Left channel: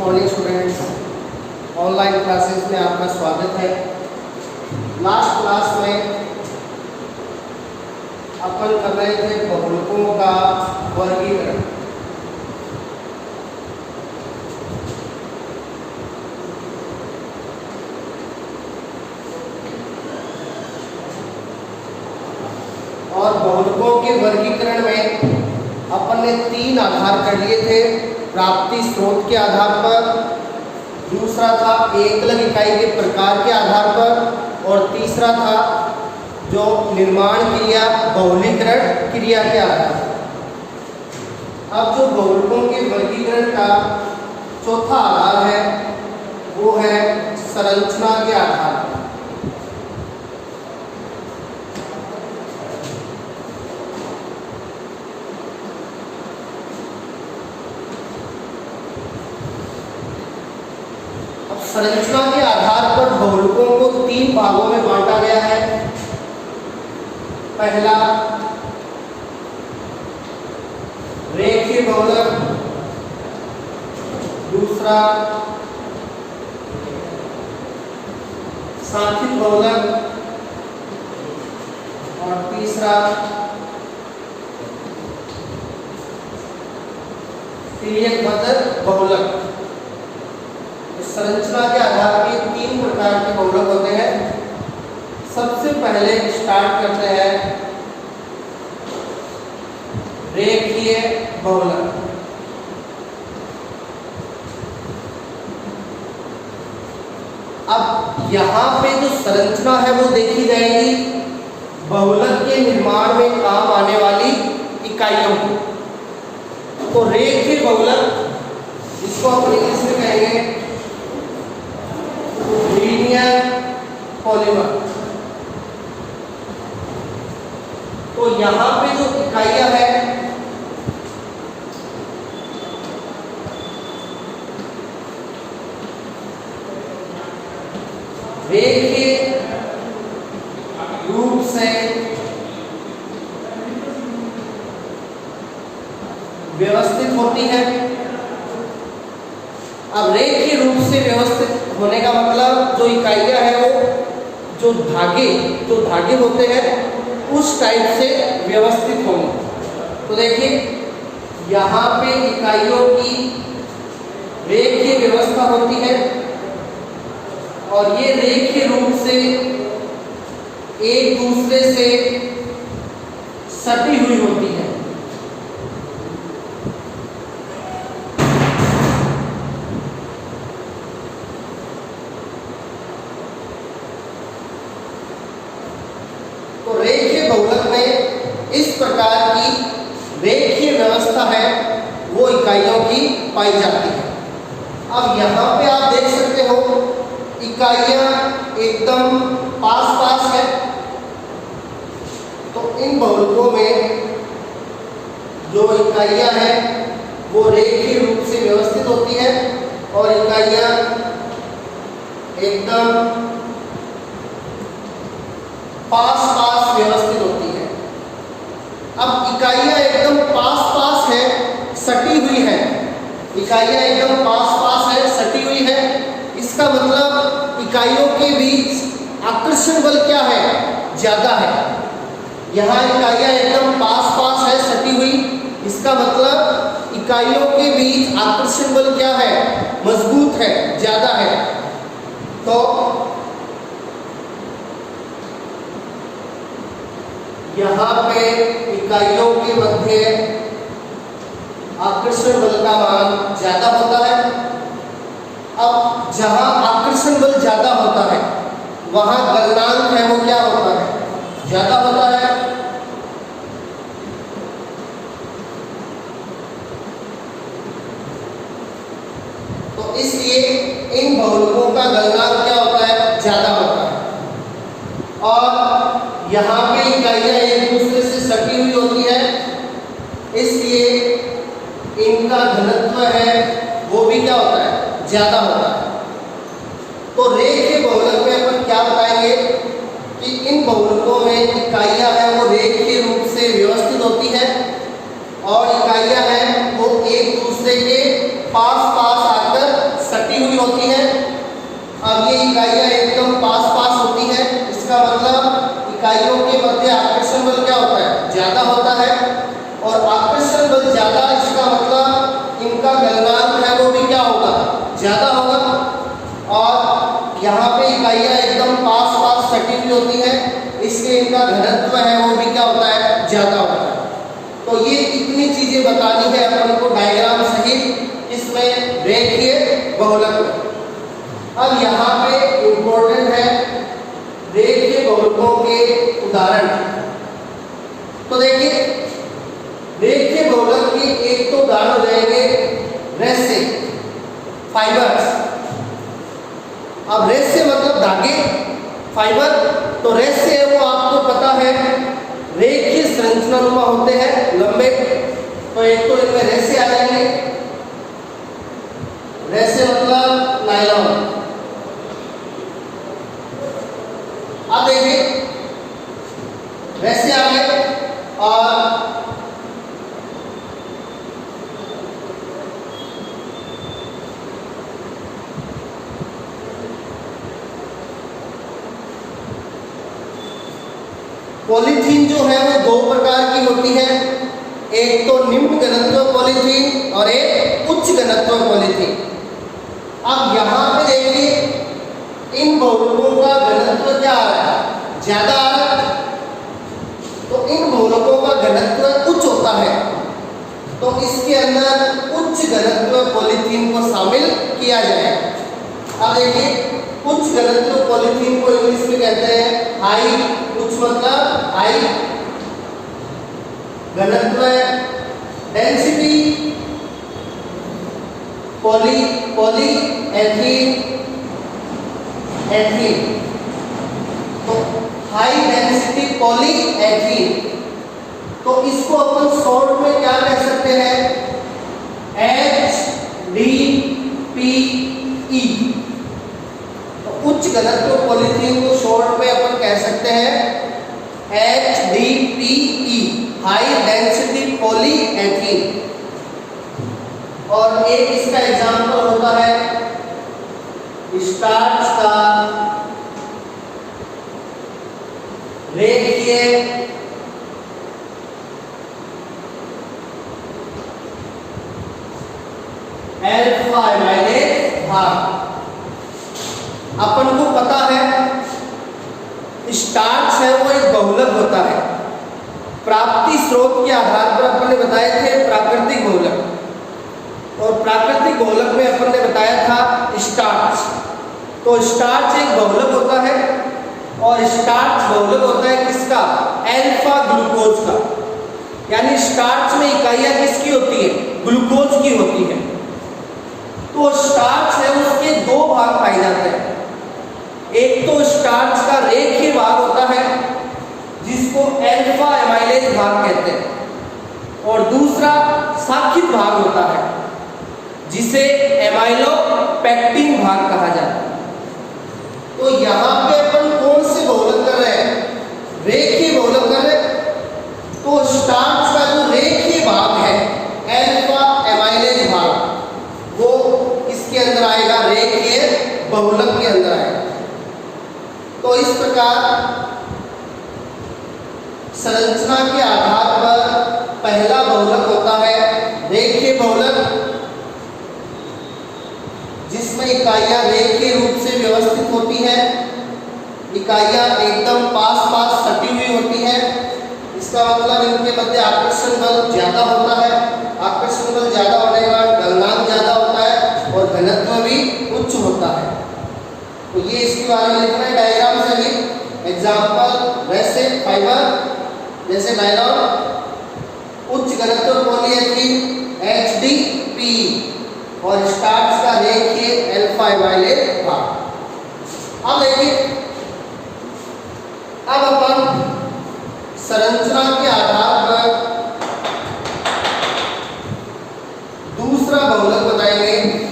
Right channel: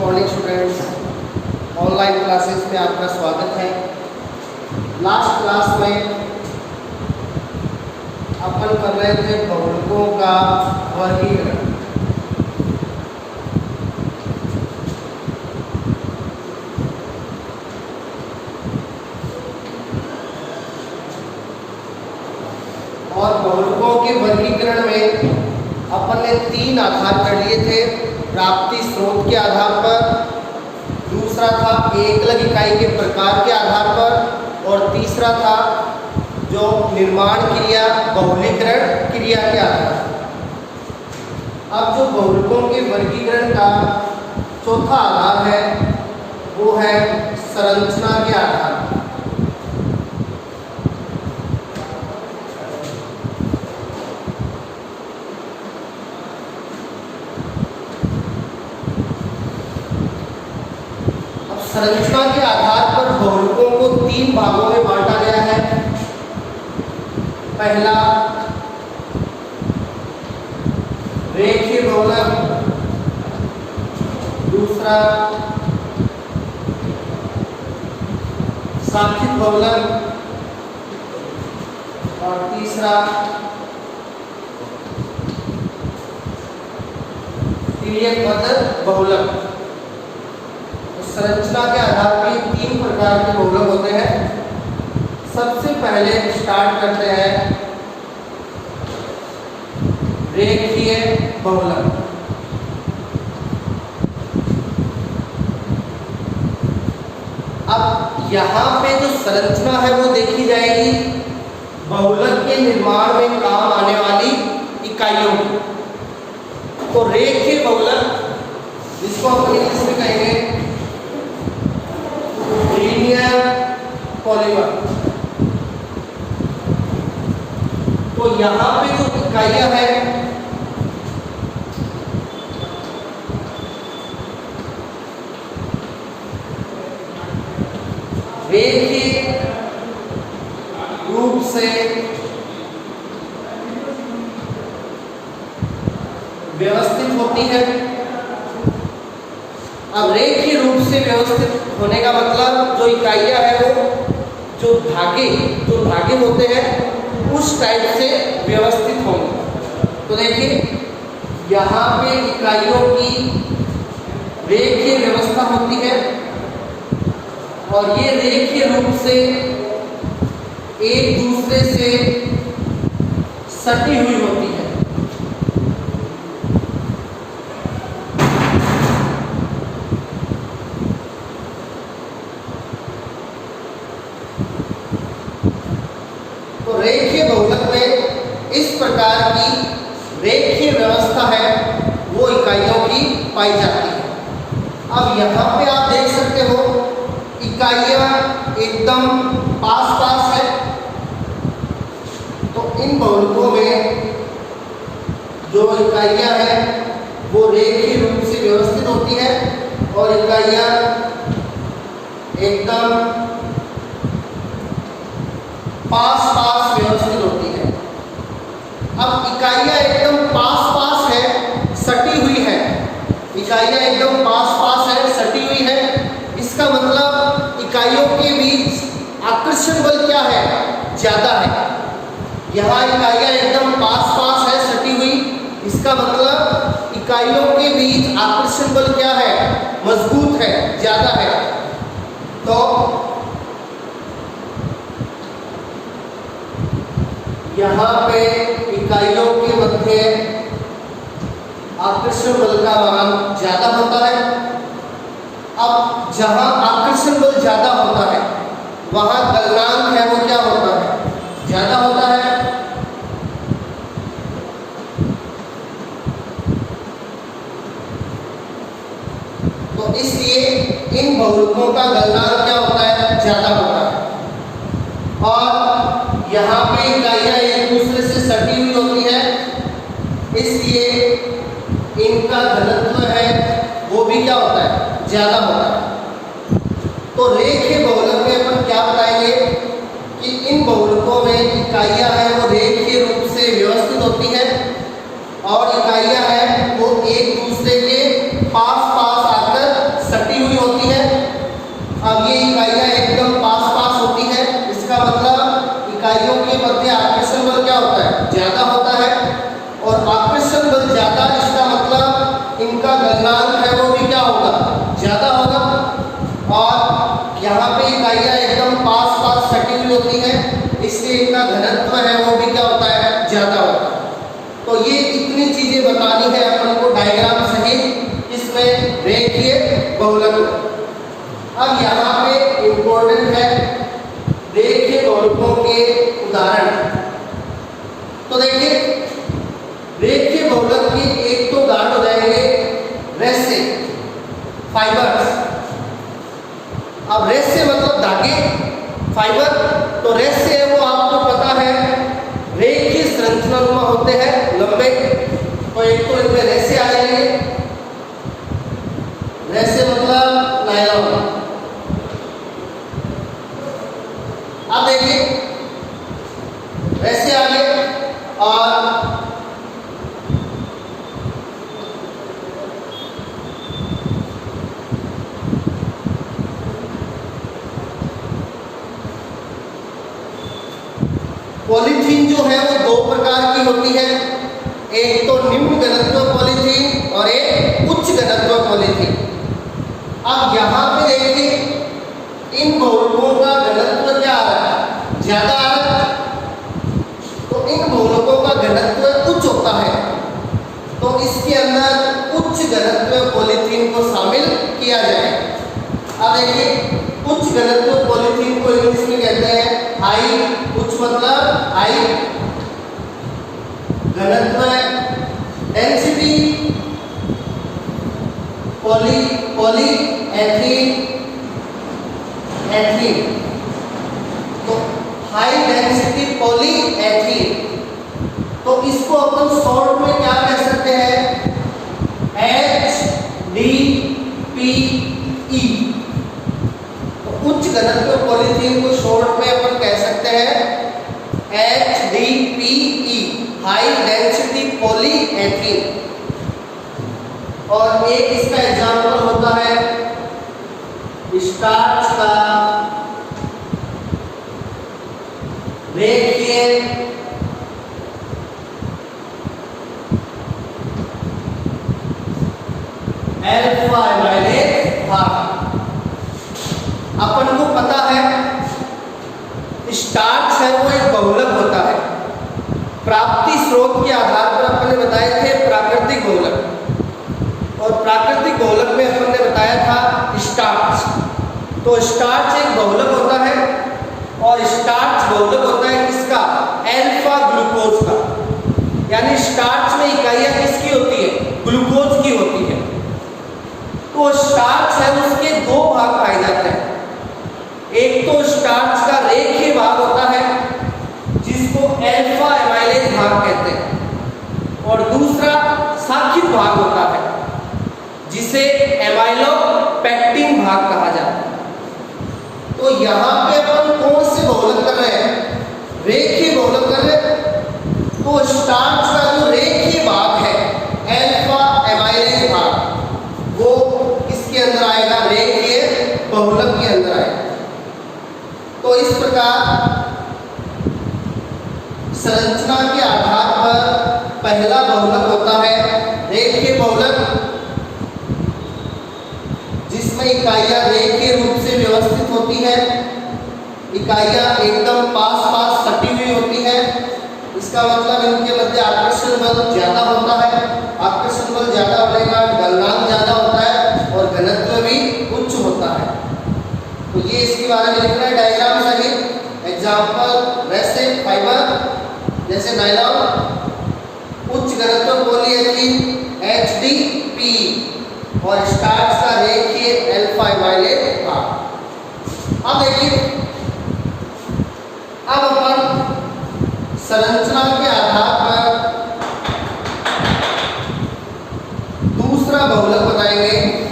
Morning students, online classes में आपका स्वागत है। लास्ट क्लास में अपन कर रहे थे बहुलकों का वर्गीकरण। और बहुलकों के वर्गीकरण में अपन ने 3 आधार कर लिए थे। प्राप्ति स्रोत के आधार पर, दूसरा था एकल इकाई के प्रकार के आधार पर, और तीसरा था जो निर्माण क्रिया बहुलीकरण क्रिया के आधार पर। अब जो बहुलकों के वर्गीकरण का चौथा आधार है वो है संरचना के आधार पर। संरचना के आधार पर बहुलकों को 3 भागों में बांटा गया है। पहला रेखीय बहुलक, दूसरा सांख्यिक बहुलक और तीसरा तिर्यकबद्ध बहुलक। संरचना के आधार पर 3 प्रकार के बहुलक होते हैं। सबसे पहले स्टार्ट करते हैं रेखीय बहुलक। अब यहाँ पे जो संरचना है वो देखी जाएगी बहुलक के निर्माण में काम आने वाली इकाइयों की। तो रेखीय बहुलक, जिसको हम इंग्लिश में कहेंगे लीनियर पॉलीमर। तो यहां पे जो इकाइयां हैं रेखीय रूप से व्यवस्थित होती है। अब रेखीय रूप से व्यवस्थित होने का मतलब जो इकाइयां हैं वो जो धागे होते हैं उस टाइप से व्यवस्थित होंगे। तो देखिए यहाँ पे इकाइयों की रेखीय व्यवस्था होती है और ये रेखीय रूप से एक दूसरे से सटी हुई होती है। तो रेखीय बहुलक में इस प्रकार की रेखीय व्यवस्था है वो इकाइयों की पाई जाती है। अब यहाँ पे आप देख सकते हो इकाइयाँ एकदम पास पास है। तो इन बहुलकों में जो इकाइयाँ हैं वो रेखीय रूप से व्यवस्थित होती है और इकाइयाँ एकदम पास पास व्यवस्थित होती है। अब इकाइयाँ एकदम पास पास है, सटी हुई है। इकाइयाँ एकदम पास पास है, सटी हुई है। इसका मतलब इकाइयों के बीच आकर्षण बल क्या है? ज़्यादा है। यहाँ इकाइयाँ एकदम पास पास है, सटी हुई। इसका मतलब इकाइयों के बीच आकर्षण बल क्या है? मजबूत है, ज़्यादा है। तो यहाँ पे इकाइयों के मध्य आकर्षण बल का मान ज्यादा होता है। अब जहाँ आकर्षण बल ज्यादा होता है वहाँ गलनांक है वो क्या होता है? ज्यादा होता है। तो इसलिए इन बहुलकों का गलनांक क्या होता है? ज्यादा होता है। और यहाँ पे इकाइयाँ एक दूसरे से सटी हुई होती है, इसलिए इनका घनत्व है वो भी क्या होता है? ज्यादा होता है। तो रेखीय बहुलक में अपन क्या बताएंगे कि इन बहुलकों में इकाइयाँ हैं वो रेखीय रूप से व्यवस्थित होती है और इकाइयाँ हैं वो एक दूसरे के पास पास आकर ज्यादा होता है और आकर्षण बल ज्यादा, इसका मतलब इनका गलनांक है वो भी क्या होगा, ज्यादा होगा। और यहाँ पे इकाइयाँ एकदम पास पास सटी हुई होती हैं, इसलिए इनका घनत्व है वो भी क्या होता है, ज्यादा होता है। तो ये इतनी चीजें बतानी है अपन को डायग्राम सहित इसमें रेखीय बहुलक। अब यहाँ पे इम्पोर्टेंट है रेखीय बहुलकों के उदाहरण। तो देखिए रेखीय बहुलक की एक तो उदाहरण हो जाएंगे रेसे, फाइबर्स। अब रेसे मतलब धागे, फाइबर। तो रेसे है वो आपको पता है रेखीय संरचनानुमा होते हैं, लंबे। तो एक तो इनमें रेसे आ जाएंगे, रेसे मतलब नायलॉन। अब देखिए रेसे आगे और पॉलीथीन जो है वो दो प्रकार की होती है, एक तो निम्न घनत्व पॉलीथीन और एक उच्च घनत्व पॉलीथीन। अब यहाँ पे देखिए इन बहुलकों का घनत्व क्या आ रहा है, ज्यादा आ रहा है। तो इन बहुलकों का घनत्व उच्च होता है, तो इसके अंदर उच्च घनत्व पॉलीथीन को शामिल किया जाए। अब देखिए उच्च घनत्व पॉलीथीन को इंग्लिश में कहते हैं हाई, उच्च मतलब हाई घनत्व, डेंसिटी पॉली एथीन। तो हाई डेंसिटी पॉली एथीन, तो इसको अपन शॉर्ट में क्या कह सकते हैं, HDPE। उच्च घनत्व पॉलीथीन को शॉर्ट में अपन कह सकते हैं HDPE, हाई डेंसिटी पॉलीएथीन। और एक इसका एग्जांपल होता है स्टार्च का रेखीय अल्फा एमाइलेज भाग। अपन को पता है स्टार्च है वो एक बहुलक होता है। प्राप्ति स्रोत के आधार पर अपन ने बताए थे प्राकृतिक बहुलक, और प्राकृतिक बहुलक में अपन ने बताया था स्टार्च। तो स्टार्च एक बहुलक होता है, और स्टार्च बहुलक होता है किसका, अल्फा ग्लूकोज का। यानी स्टार्च में इकाइयां किसकी होती है, ग्लूकोज की होती है। तो स्टार्च है उसके दो भाग पाए जाते हैं। एक तो स्टार्च का रेखीय भाग होता है जिसको अल्फा एमाइलेज भाग कहते हैं, और दूसरा शाखित भाग होता है जिसे एमाइलोपेक्टिन भाग कहा जाता है। तो यहाँ पे अपन कौन से बहुलक कर रहे हैं, रेखीय बहुलक कर रहे हैं। तो स्टार्च का जो रेखीय भाग है अल्फा एमाइलेज भाग, वो इसके अंदर आएगा, रेखीय बहुलक के अंदर आएगा। तो इस प्रकार संरचना के आधार पर पहला बहुलक होता है रेखीय बहुलक, जिसमें इकाइयां रेखीय रूप से व्यवस्थित होती है, इकाइयां एकदम पास पास सटी हुई होती है। इसका मतलब इनके मध्य आकर्षण बल ज्यादा होता है, आकर्षण बल ज्यादा होने का गलनांक ज्यादा होता है, और घनत्व भी उच्च होता है। तो ये इसके बारे में लिखना है डायग्राम सहित। एग्जाम्पल वैसे फाइबर जैसे नायलॉन, उच्च घनत्व पॉलीएथीन HDPE, और स्टार्च का रेखीय अल्फा एमाइलेज भाग। अब देखिए अब अपन संरचना के आधार पर दूसरा बहुलक बताएंगे।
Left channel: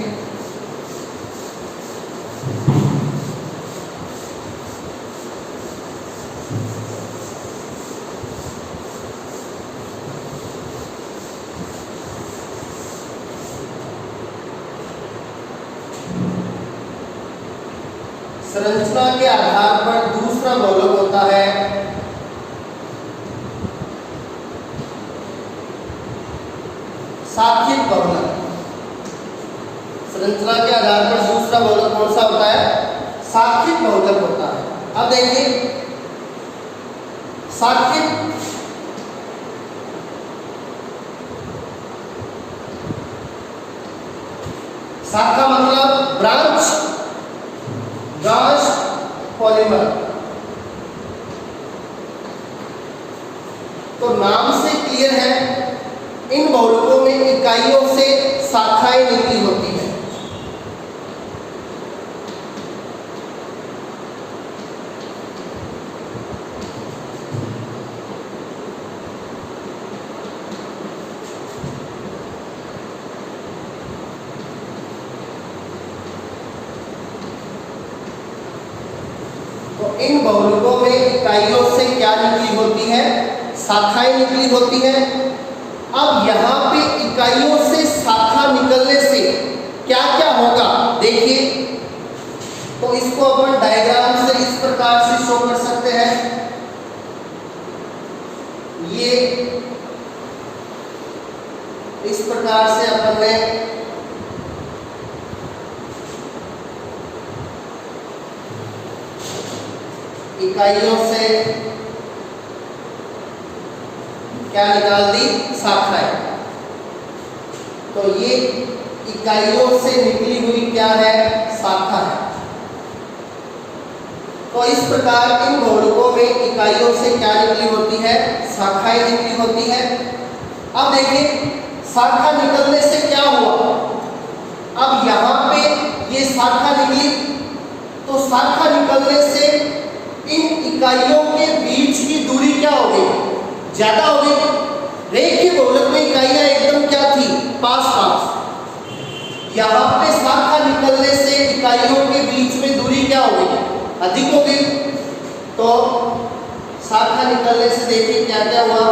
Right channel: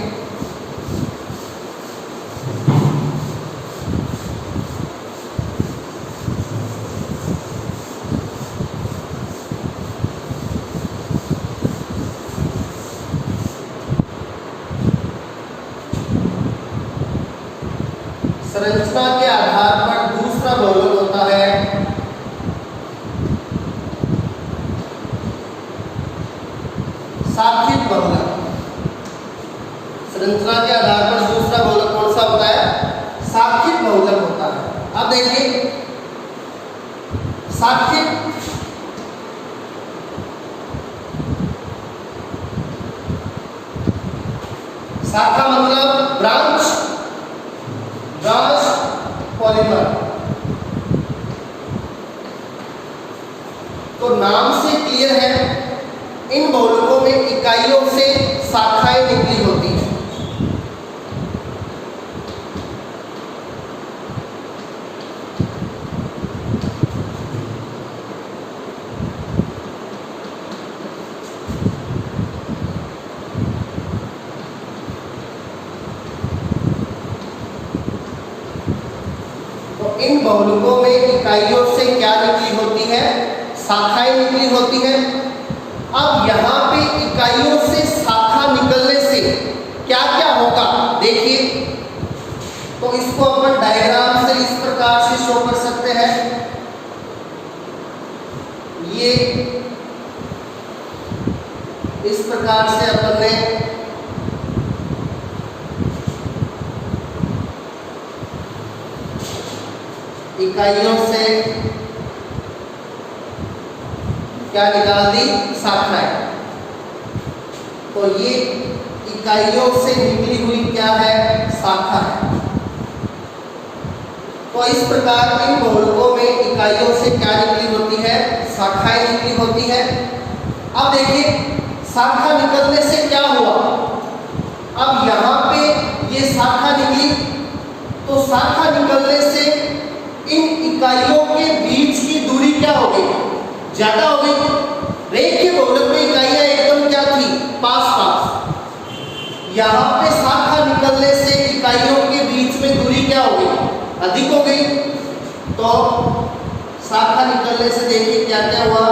संरचना के आधार पर दूसरा बहुलक होता है साक्षिक बहुलक। संरचना के आधार पर दूसरा बहुलक कौन सा होता है? साक्षिक बहुलक होता है। अब देखिए साक्षिक शाखा मतलब ब्रांच पॉलीमर। तो नाम से क्लियर है, इन बहुलकों में इकाइयों से शाखाएं निकली होती हैं। इन बहुलकों में इकाइयों से क्या निकली होती है? शाखाएं निकली होती हैं। अब यहाँ पे इकाइयों से शाखा निकलने से क्या क्या होगा देखिए। तो इसको अपन डायग्राम से इस प्रकार से शो कर सकते हैं। ये इस प्रकार से अपन ने इकाइयों से क्या निकाल दी? शाखाएं। तो ये इकाइयों से निकली हुई क्या है? शाखा है। तो इस प्रकार इन बहुलकों में इकाइयों से क्या निकली होती है? शाखाएं निकली होती है। अब देखिए शाखा निकलने से क्या हुआ? अब यहाँ पे ये शाखा निकली, तो शाखा निकलने से इन इकाइयों के बीच की दूरी क्या हो गई? ज्यादा हो गई। रेखीय बहुलक में इकाइयां एकदम क्या थी? पास पास। यहाँ पे शाखा निकलने से इकाइयों के बीच में दूरी क्या हो गई? अधिक हो गई। तो शाखा निकलने से देखिए क्या क्या हुआ?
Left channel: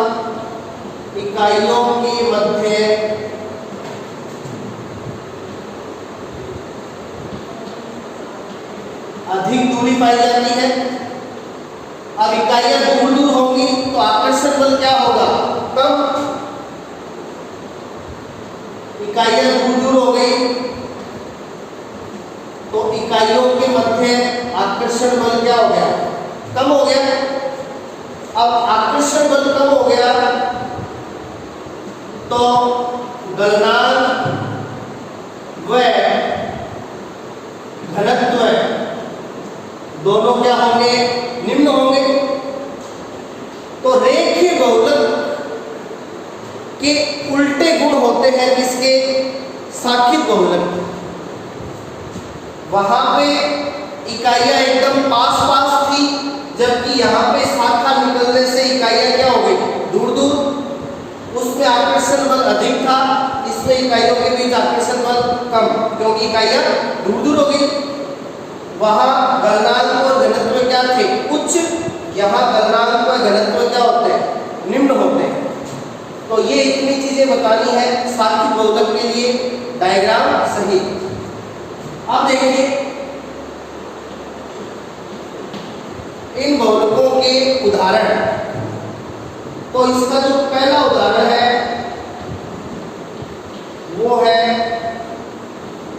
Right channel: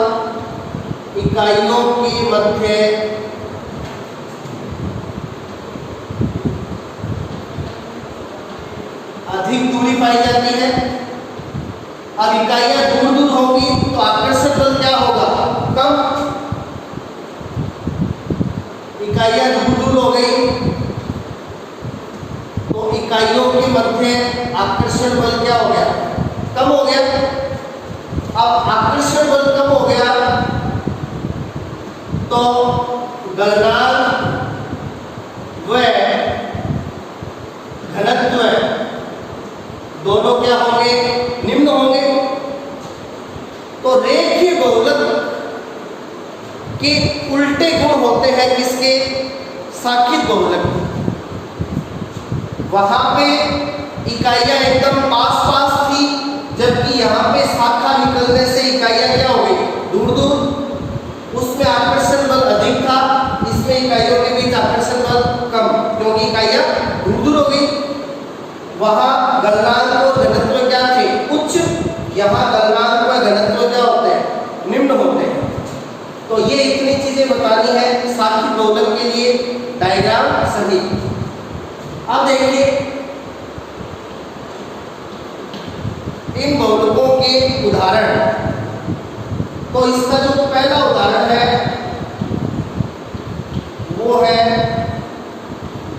इकाइयों के मध्य अधिक दूरी पाई जाती है। अब इकाइयां दूर दूर होंगी तो आकर्षण बल क्या होगा? कम। इकाइयां दूर दूर हो गई तो इकाइयों के मध्य आकर्षण बल क्या हो गया? कम हो गया। अब आकर्षण बल कम हो गया तो गलनांक व घनत्व दोनों क्या होंगे? निम्न होंगे। तो रेखीय बहुलक के उल्टे गुण होते हैं किसके? शाखिक बहुलक। वहां पे इकाइयां एकदम पास पास थी, जबकि यहाँ पे शाखा निकलने से इकाइयां क्या हो गई? दूर दूर। उसमें आकर्षण बल अधिक था, इसमें इकाइयों के बीच आकर्षण बल कम, क्योंकि इकाइयां दूर दूर हो गई। वहां गलनांक और घनत्व क्या थे? उच्च। यहाँ गलनांक और घनत्व क्या होते हैं? निम्न होते हैं। तो ये इतनी चीजें बतानी है शाखिक बहुलक के लिए, डायग्राम सही। अब देखिए इन बहुलकों के उदाहरण। तो इसका जो पहला उदाहरण है वो है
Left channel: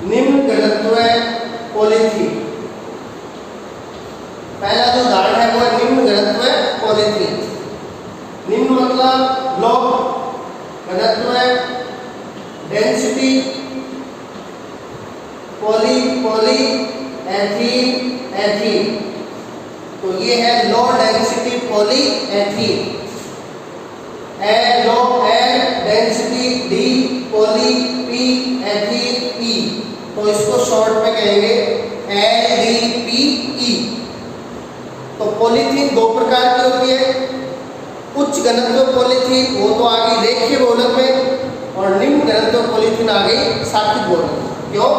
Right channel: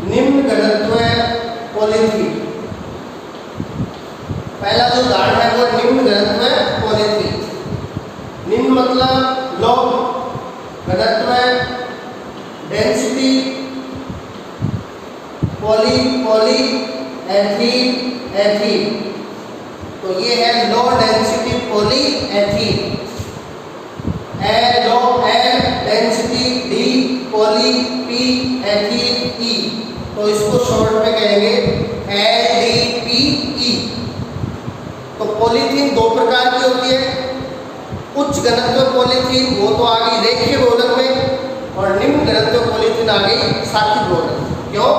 निम्न घनत्व पॉलीथीन। पहला जो उदाहरण है वो निम्न घनत्व पॉलीथीन। निम्न मतलब लो, घनत्व डेंसिटी, पॉली एथीन एथीन। तो ये है low density polyethene. Low L density D poly P ethene E. तो इसको शॉर्ट में कहेंगे LDPE। तो पॉलीथीन दो प्रकार की होती है। उच्च घनत्व पॉलीथीन वो तो आ गई रेखीय बहुलक में, और निम्न घनत्व पॉलीथीन आ गई शाखिक बहुलक। क्यों?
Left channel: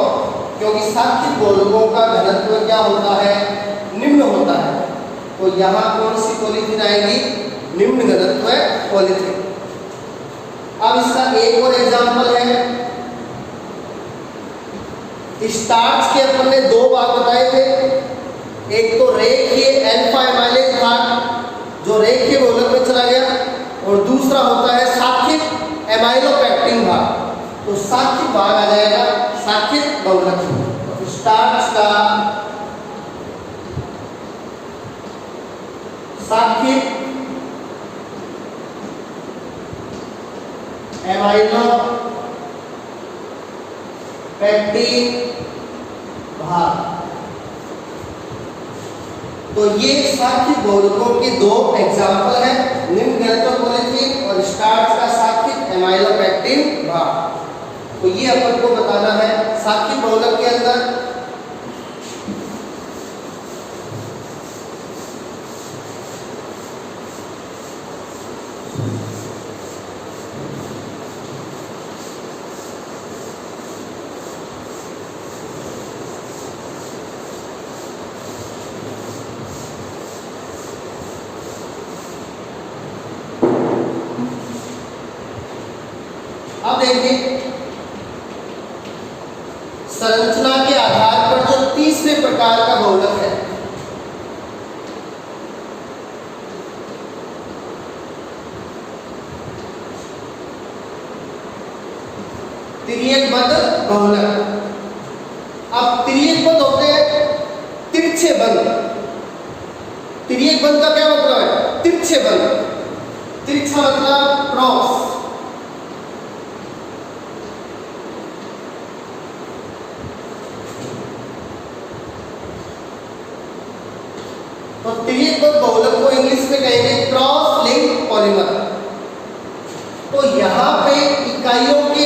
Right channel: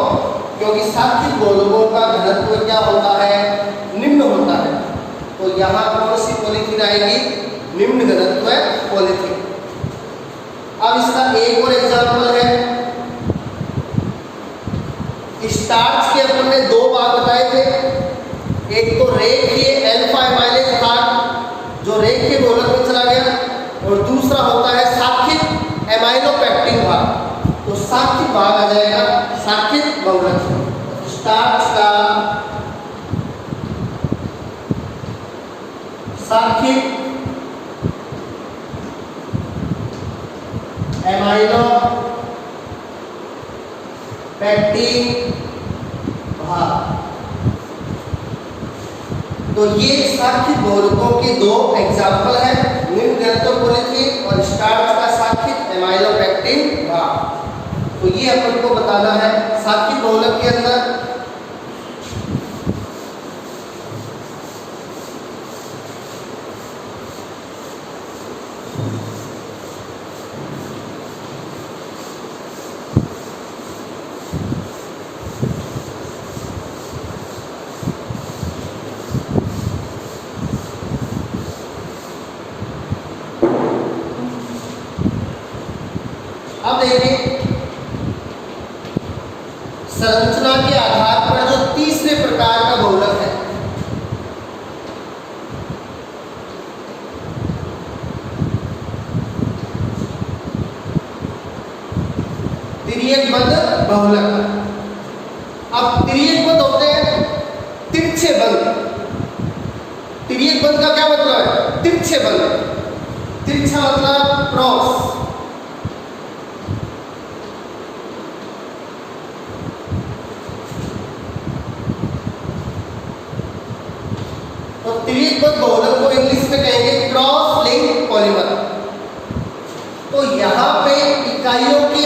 क्योंकि शाखिक बहुलकों का घनत्व क्या होता है? निम्न होता है। तो यहाँ कौन सी पॉलीथीन आएगी? निम्न घनत्व पॉलीथीन। अब इसका एक और एग्जाम्पल है। स्टार्च के अपन ने दो भाग बताए थे। एक तो रेखीय अल्फा एमाइलेज भाग जो रेखीय बहुलक में चला गया, और दूसरा होता है शाखिक एमाइलोपेक्टिन भाग। तो साक्षिक भाग आ जाएगा साक्षिक बहुलक। स्टार्च का साक्षिक एमाइनो पैक्टिन भाग। तो ये साक्षिक बहुलकों के दो एग्जाम्पल है, निम्न ग्लैक्टोपोलिथिन और स्टार्च का साक्षिक एमाइलो पैक्टिन भाग। तो ये अपन को बताना है साक्षिक बहुलक के अंदर अब देखिए संरचना के आधार पर जो तीसरे प्रकार का बहुलक है, तिर्यकबद्ध बहुलक। अब तिर्यकबद्ध होते हैं तिरछे बंध। तिर्यकबद्ध का क्या मतलब है? तिरछे बंध। तिरछा मतलब क्रॉस। तो तिर्यकबद्ध बहुलक को इंग्लिश में कहेंगे क्रॉस लिंक पॉलीमर। तो यहाँ पे इकाइयों के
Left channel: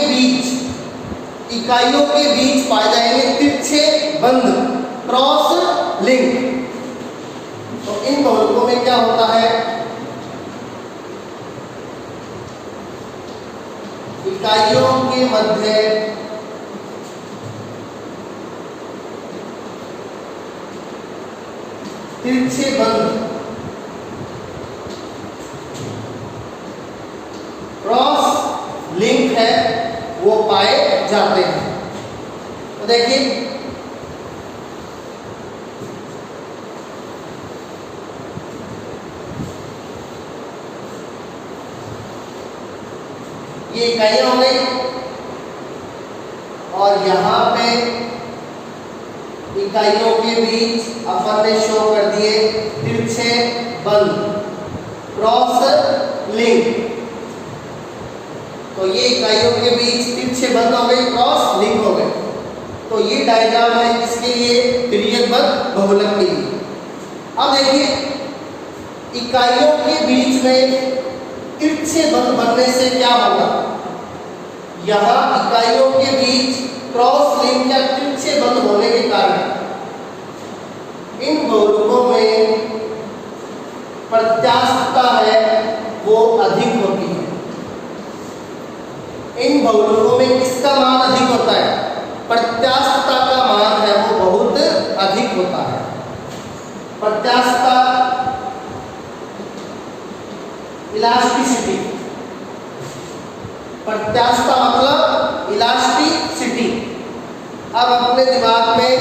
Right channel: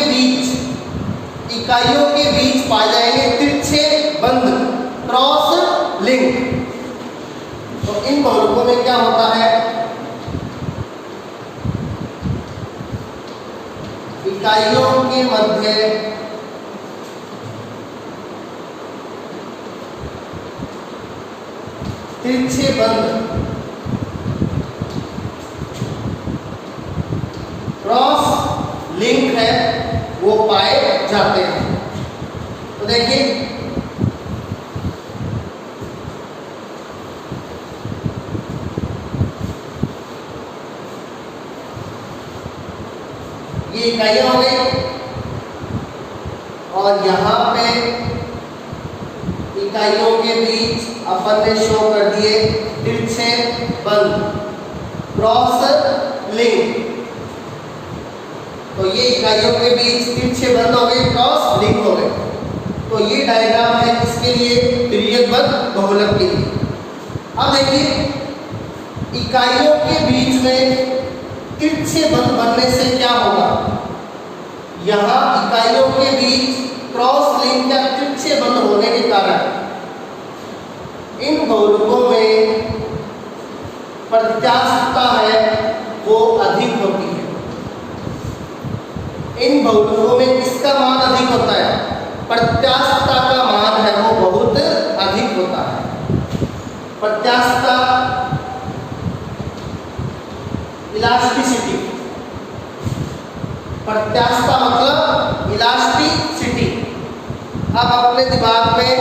बीच पाए जाएंगे तिरछे बंध, क्रॉस लिंक। तो इन बहुलकों में क्या होता है? इकाइयों के मध्य तिरछे बंध, क्रॉस लिंक है, वो पाए जाते हैं। तो देखिए ये इकाइयां हो गई और यहाँ पे इकाइयों के बीच अपन ने शो कर दिए तिरछे बंध, क्रॉस लिंक। तो ये इकाइयों के बीच तिरछे बंध हो गए, क्रॉस लिंक हो गए। तो ये डायग्राम है किसके लिए? तिर्यकबद्ध बहुलक के लिए। अब देखिए इकाइयों के बीच में तिरछे बंध बनने से क्या होगा? यहाँ इकाइयों के बीच क्रॉस लिंक या तिरछे बंध होने के कारण इन बहुलकों में प्रत्यास्थता है वो अधिक होती है। इन बहुलकों में किसका मान अधिक होता है? प्रत्यास्थता का मान है वो बहुत अधिक होता है। प्रत्यास्थता, इलास्टिसिटी। प्रत्यास्थता मतलब इलास्टिसिटी। अब अपने दिमाग में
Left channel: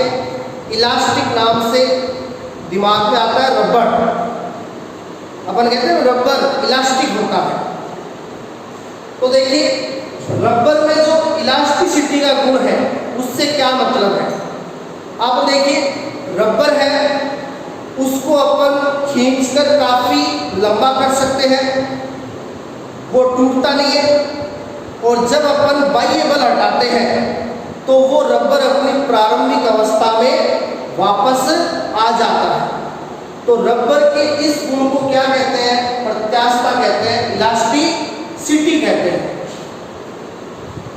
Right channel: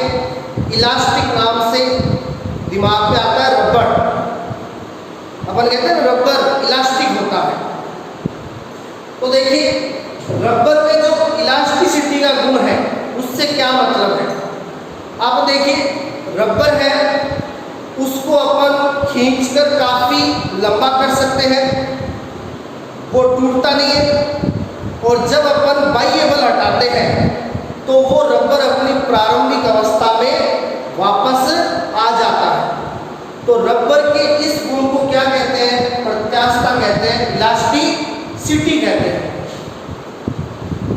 इलास्टिक नाम से दिमाग में आता है रबर। अपन कहते हैं रबर इलास्टिक होता है। तो देखिए रबर में जो इलास्टिसिटी का गुण है उससे क्या मतलब है? आप देखिए रबर है उसको अपन खींचकर काफी लंबा कर सकते हैं, वो टूटता नहीं है। और जब अपन बाह्य बल हटाते हैं तो वो रबर अपनी प्रारंभिक अवस्था में वापस आ जाता है। तो रबर के इस गुण को क्या कहते हैं? प्रत्यास्थता कहते हैं, इलास्टिसिटी कहते हैं।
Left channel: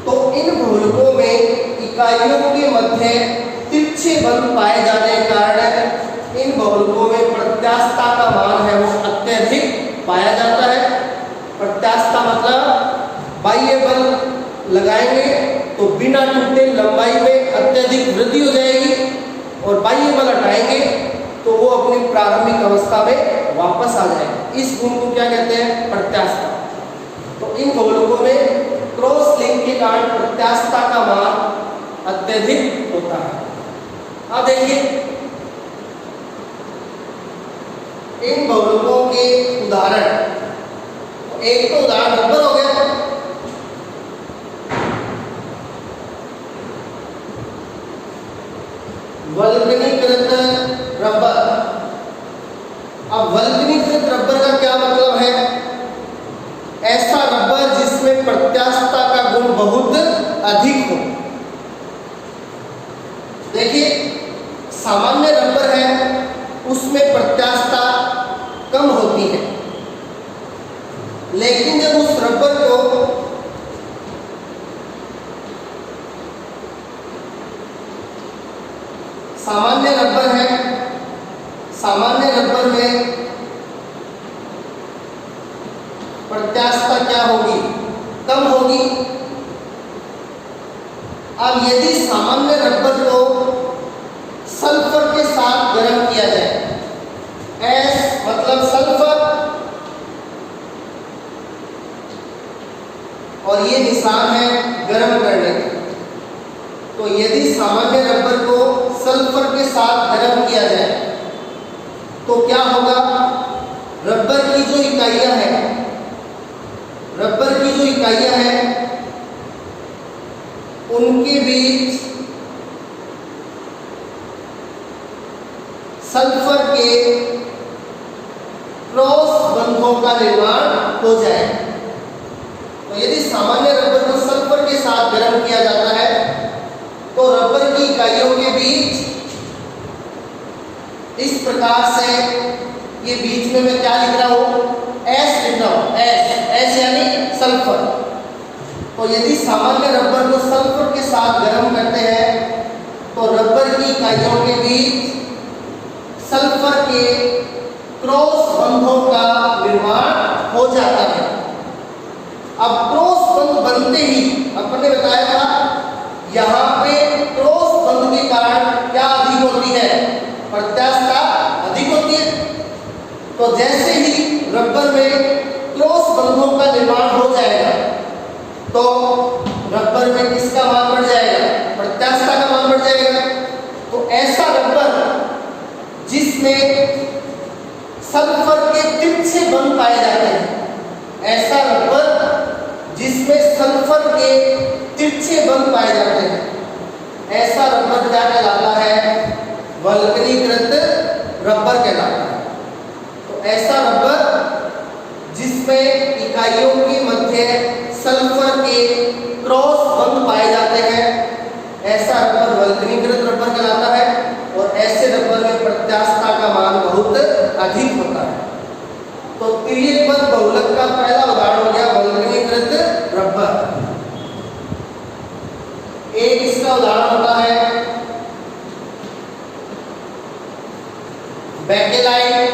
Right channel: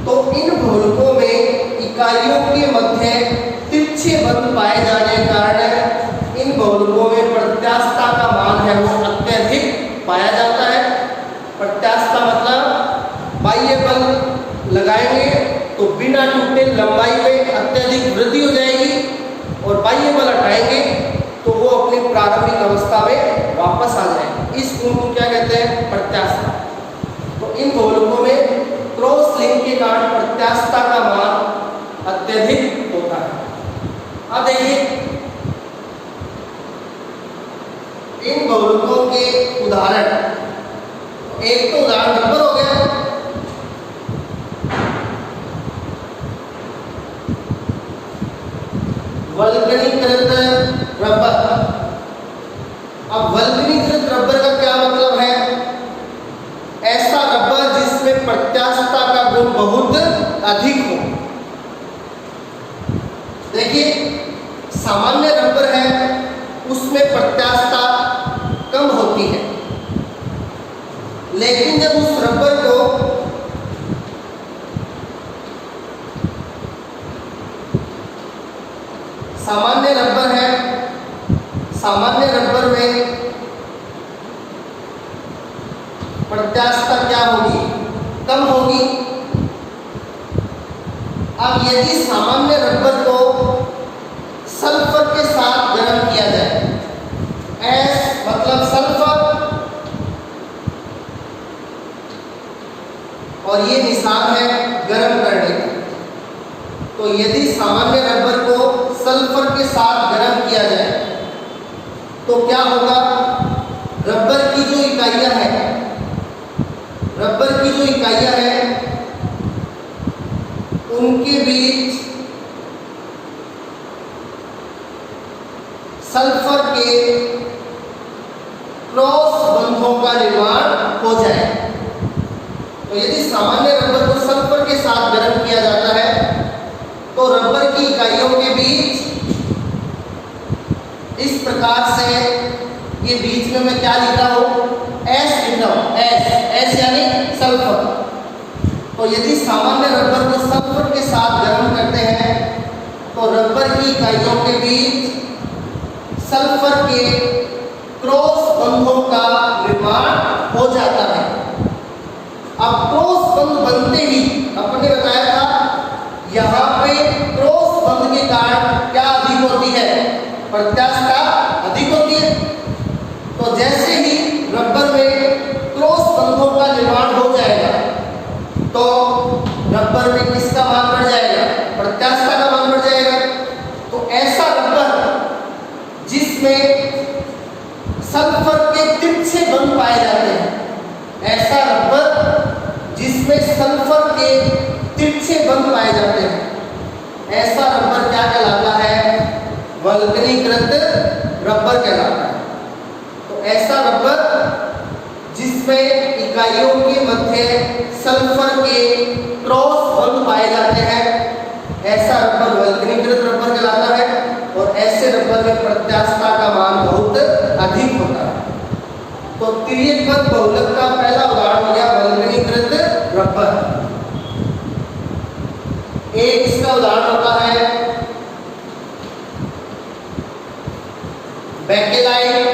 तो इन बहुलकों में इकाइयों के मध्य तिरछे बंध पाए जाने के कारण इन बहुलकों में प्रत्यास्थता का मान है वो अत्यधिक पाया जाता है। प्रत्यास्थता मतलब बाह्य बल लगाएंगे तो बिना टूटे लंबाई में अत्यधिक वृद्धि हो जाएगी और बाह्य बल हटाएंगे तो वो अपनी प्रारंभिक अवस्था में वापस आ जाएगी। इस गुण को क्या कहते हैं? प्रत्यास्थता। तो इन बहुलकों में क्रॉस लिंक के कारण प्रत्यास्थता का मान अत्यधिक होता है। अब देखिए इन बहुलकों के उदाहरण, एक तो उदाहरण रबर हो गया बहुत अधिक हो। देखिए, सामान्य रबर है उसमें प्रत्यास्थता कम होती है, लेकिन जब उस रबर को सामान्य रबर है, सामान्य रबर में प्रत्यास्थता क्या होगी, कम होगी। अब यदि सामान्य रबर को सल्फर के साथ गर्म किया जाए, एस मतलब सल्फर, और ये निशान है गर्म करने का, तो यदि सामान्य रबर को सल्फर के साथ गर्म किया जाए तो क्या होगा, रबर की जो इकाइयां हैं, रबर की जो इकाइयां हैं उनके बीच सल्फर के क्रॉस बंधों का निर्माण हो जाए। तो यदि सामान्य रबर को सल्फर के साथ गर्म किया जाता है तो रबर की इकाइयों के बीच इस प्रकार से, ये बीच में मैं क्या लिख रहा हूं, एस लिख रहा हूं, एस, एस यानी सल्फर। तो यदि सामान्य रबर को सल्फर के साथ गर्म करते हैं तो रबर की इकाइयों के बीच सल्फर के क्रॉस बंधों का निर्माण हो जाता है। अब क्रॉस बंध बनते ही अपने बताया था, यहाँ पे क्रॉस बंध के कारण क्या अधिक होती है, प्रत्यास्थता अधिक होती है। तो जैसे ही रबर में क्रॉस बंधों का निर्माण हो जाएगा तो रबर में किसका मान बढ़ जाएगा, प्रत्यास्थता का मान बढ़ जाएगा। तो ऐसा रबर जिसमें सल्फर के तिरछे बंध पाए जाते हैं, ऐसा रबर जिसमें सल्फर के तिरछे बंध पाए जाते हैं, ऐसा रबर क्या कहलाता है, वल्कनीकृत रबर कहलाता है। तो ऐसा रबर जिसमें इकाइयों के मध्य सल्फर के क्रॉस बंध पाए जाते हैं, ऐसा रबर वल्कनीकृत रबर कहलाता है। और ऐसे रबर में प्रत्यास्थता का मान बहुत अधिक होता है। तो तिर्यकबद्ध बहुलक का पहला उदाहरण हो गया वल्कनीकृत रबर। एक इसका उदाहरण होता है बेकेलाइट।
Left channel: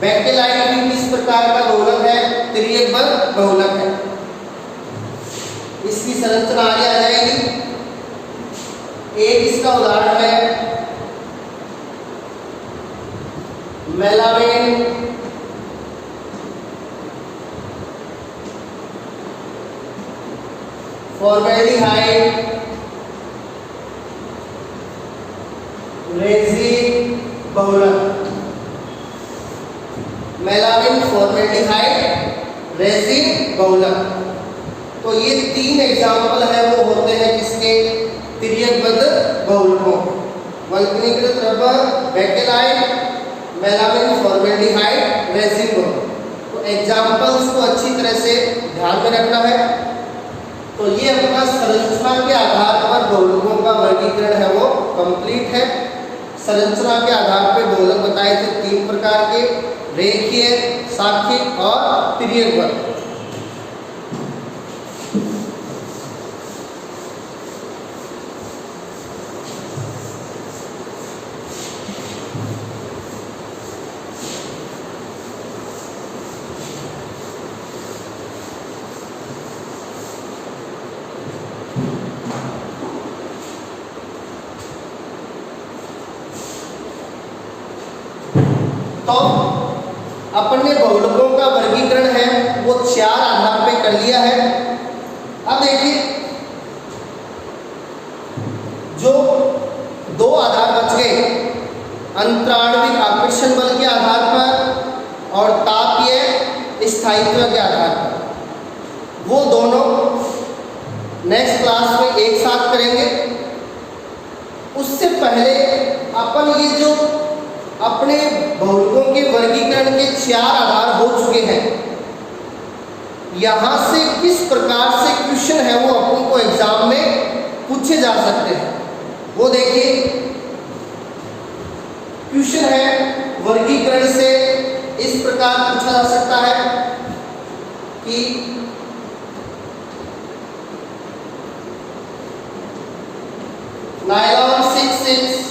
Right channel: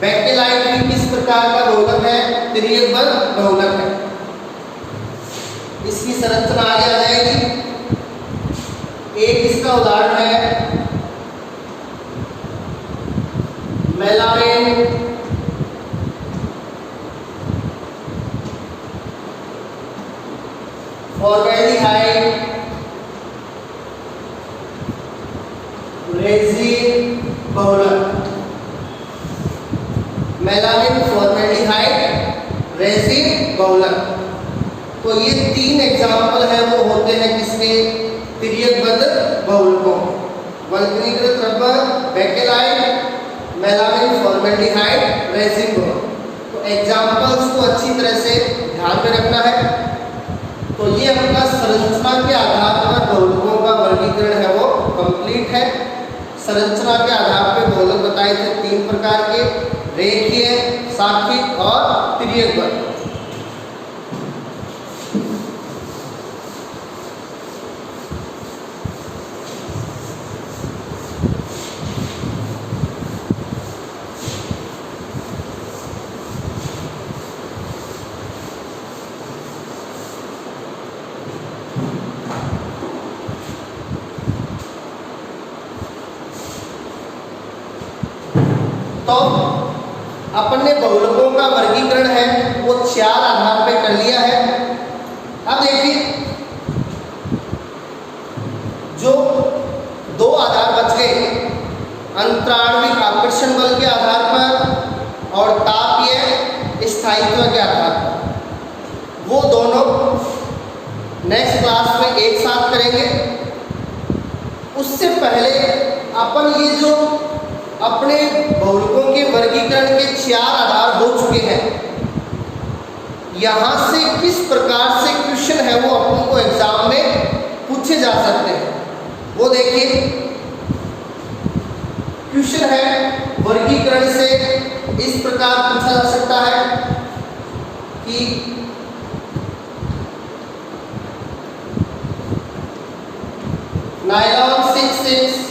बेकेलाइट भी किस प्रकार का बहुलक है, तिर्यकबद्ध बहुलक है। इसकी संरचना आगे आ जाएगी। एक इसका उदाहरण है मेलामाइन। फॉर्मेल्डिहाइड, रेजिन बहुलक। मेलामाइन, फॉर्मेल्डिहाइड, रेजिन बहुलक। तो ये तीन एग्जाम्पल है वो होते हैं किसके, तिर्यकबद्ध बहुलकों। वल्कनीकृत rubber, Bakelite, melamine, formaldehyde, resin बहुलक। तो एग्जाम्पल्स को अच्छी तरह से ध्यान में रखना है। तो ये अपना संरचना के आधार पर बहुलकों का वर्गीकरण है वो कंप्लीट है। संरचना के आधार पर बहुलक बताए थे तीन प्रकार के, रेखीय, साखिक और तिर्यकबद्ध। तो अपन ने बहुलकों का वर्गीकरण है वो चार आधार पे कर लिया है। अब देखिए, जो दो आधार बच गए, अंतराणविक आकर्षण बल के आधार पर और तापीय स्थायित्व के आधार पर, वो दोनों नेक्स्ट क्लास में एक साथ करेंगे। उससे पहले अपन ये जो अपने बहुलकों के वर्गीकरण के चार आधार हो चुके हैं, यहाँ से किस प्रकार से क्वेश्चन है वो अपन को एग्जाम में पूछे जा सकते हैं। वो देखिए, क्वेश्चन है वर्गीकरण से इस प्रकार पूछा जा सकता है कि नायलॉन 66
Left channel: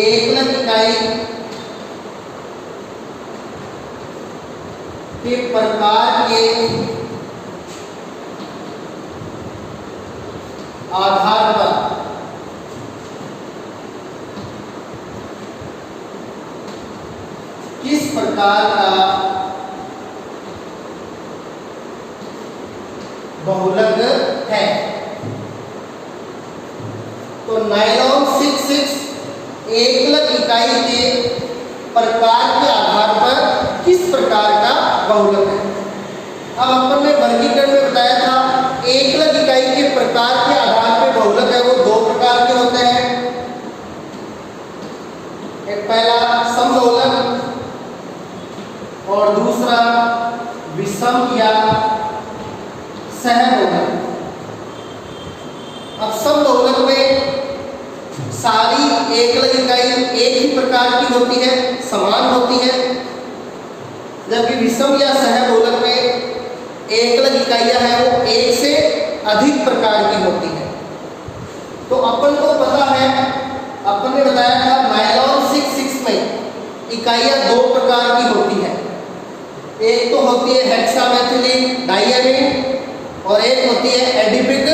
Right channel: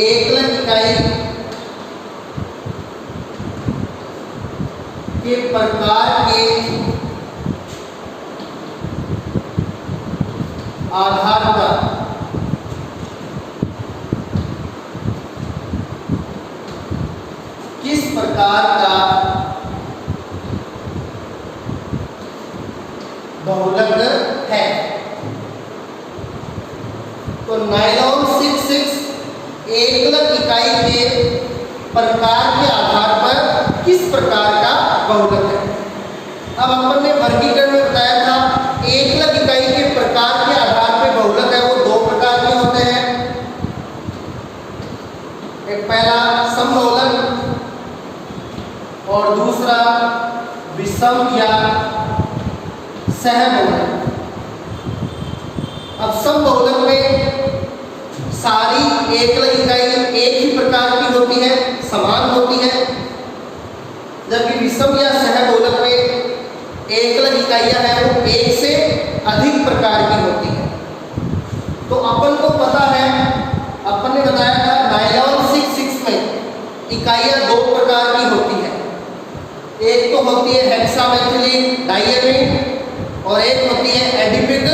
एकल इकाई के प्रकार के आधार पर किस प्रकार का बहुलक है। तो नायलॉन 66 एकलक इकाई के प्रकार के आधार पर किस प्रकार का बहुलक है। अब अपन ने वर्गीकरण में बताया था एकलक इकाई के प्रकार के आधार पर बहुलक है वो दो प्रकार के होते हैं। एक पहला समबहुलक और दूसरा विषम या सहबहुलक। अब समबहुलक में सारी एकलक इकाई एक ही प्रकार की होती है, समान होती है, जबकि विषम या सहबहुलक में एकलक इकाइयां हैं वो एक से अधिक प्रकार की होती है। तो अपन को पता है, अपन ने बताया था नायलॉन 66 में इकाइयां दो प्रकार की होती है। एक तो होती है हेक्सामेथिलीन डाइएमीन और एक होती है एडिपिक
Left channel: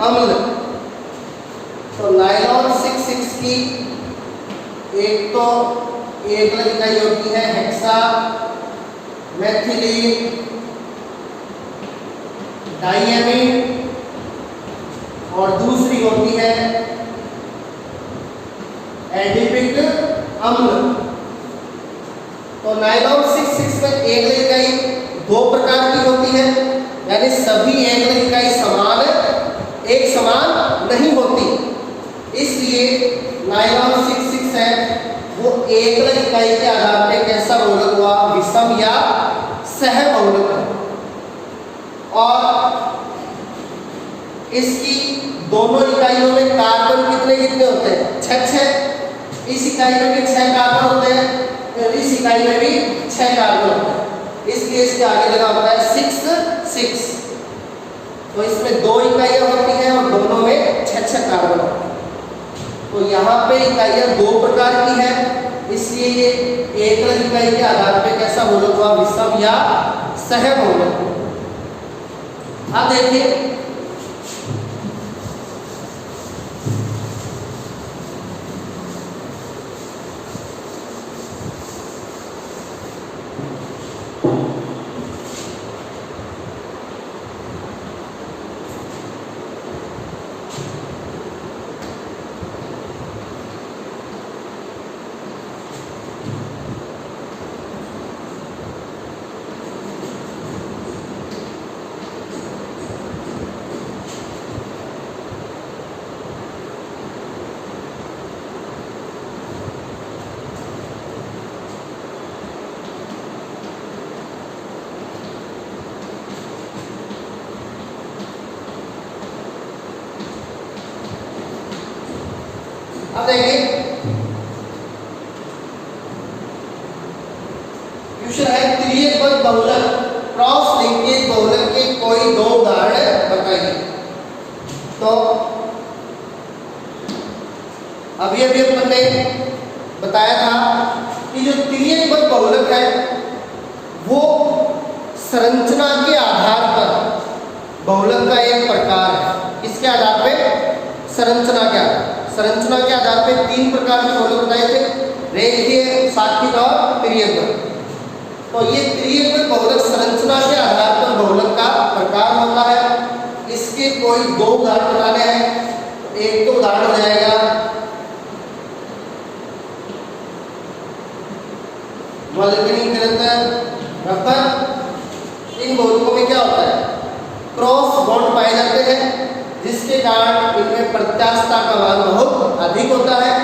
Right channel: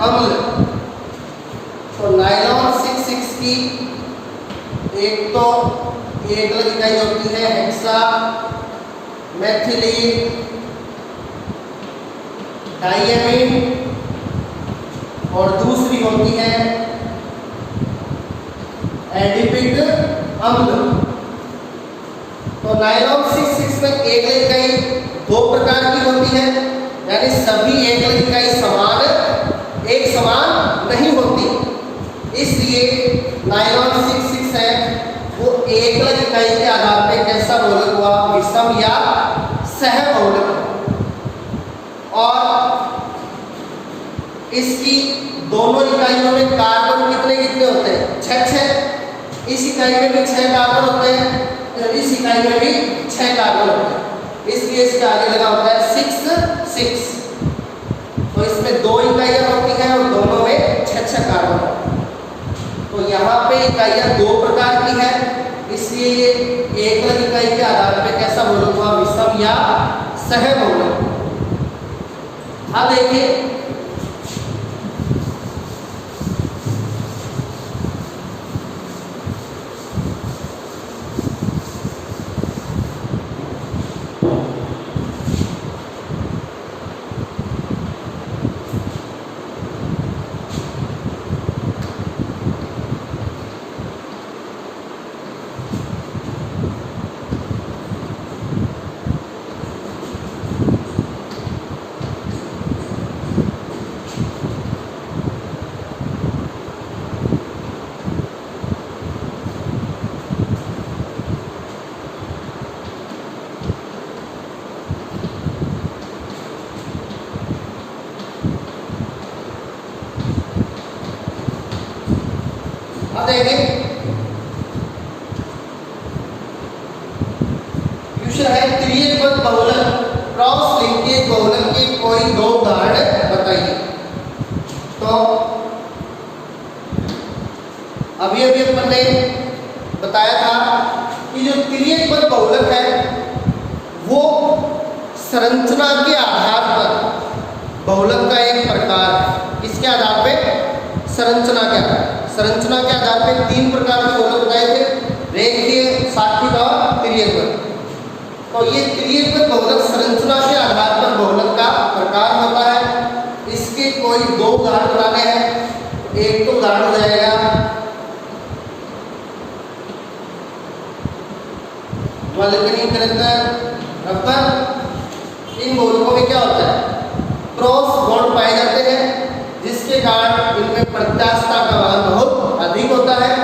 अम्ल। तो नायलॉन 66 की एक तो एकलक इकाई होती है हेक्सा मेथिलीन डाइएमीन और दूसरी होती है एडिपिक अम्ल। तो नायलॉन 66 में एकलक इकाई दो प्रकार की होती है, यानी सभी एकलक इकाई समान एक समान नहीं होती, इसलिए नायलॉन 66 है वो एकलक इकाई के आधार पे कैसा बहुलक हुआ, विषम या सहबहुलक। और इसकी दोनों इकाइयों में कार्बन कितने कितने होते हैं, 6। इस इकाई में भी 6 कार्बन होते हैं, इस इकाई में भी 6 कार्बन होते हैं, इसलिए इसके आगे लगा होता है 6। तो इसमें दो इकाइयां होती हैं और दोनों में 6 कार्बन होते हैं। तो यहाँ पे इकाइयां दो प्रकार की है, इसलिए ये एकलक इकाई के आधार पे कैसा बहुलक हुआ, विषम या सहबहुलक। अब देखिए क्वेश्चन है त्रियक बहुलक क्रॉस लिंकेज बहुलक के कोई दो उदाहरण बताइए। तो अभी अपन ने बताया था कि जो त्रियक बहुलक है वो संरचना के आधार पर बहुलक का एक प्रकार है। किसके आधार पे, संरचना के आधार। संरचना के आधार पे 3 प्रकार के बहुलक बताए थे, रेखीय, सात्विक और त्रियक। तो ये त्रियक बहुलक संरचना के आधार पर बहुलक का प्रकार होता है। इसके कोई 2 उदाहरण बनाने हैं। एक तो उदाहरण हो जाएगा वल्कनीकृत रबर। इन बहुलकों में क्या होता है, क्रॉस बॉन्ड पाए जाते हैं जिसके कारण इनमें प्रत्यास्थता का मान बहुत अधिक होता है।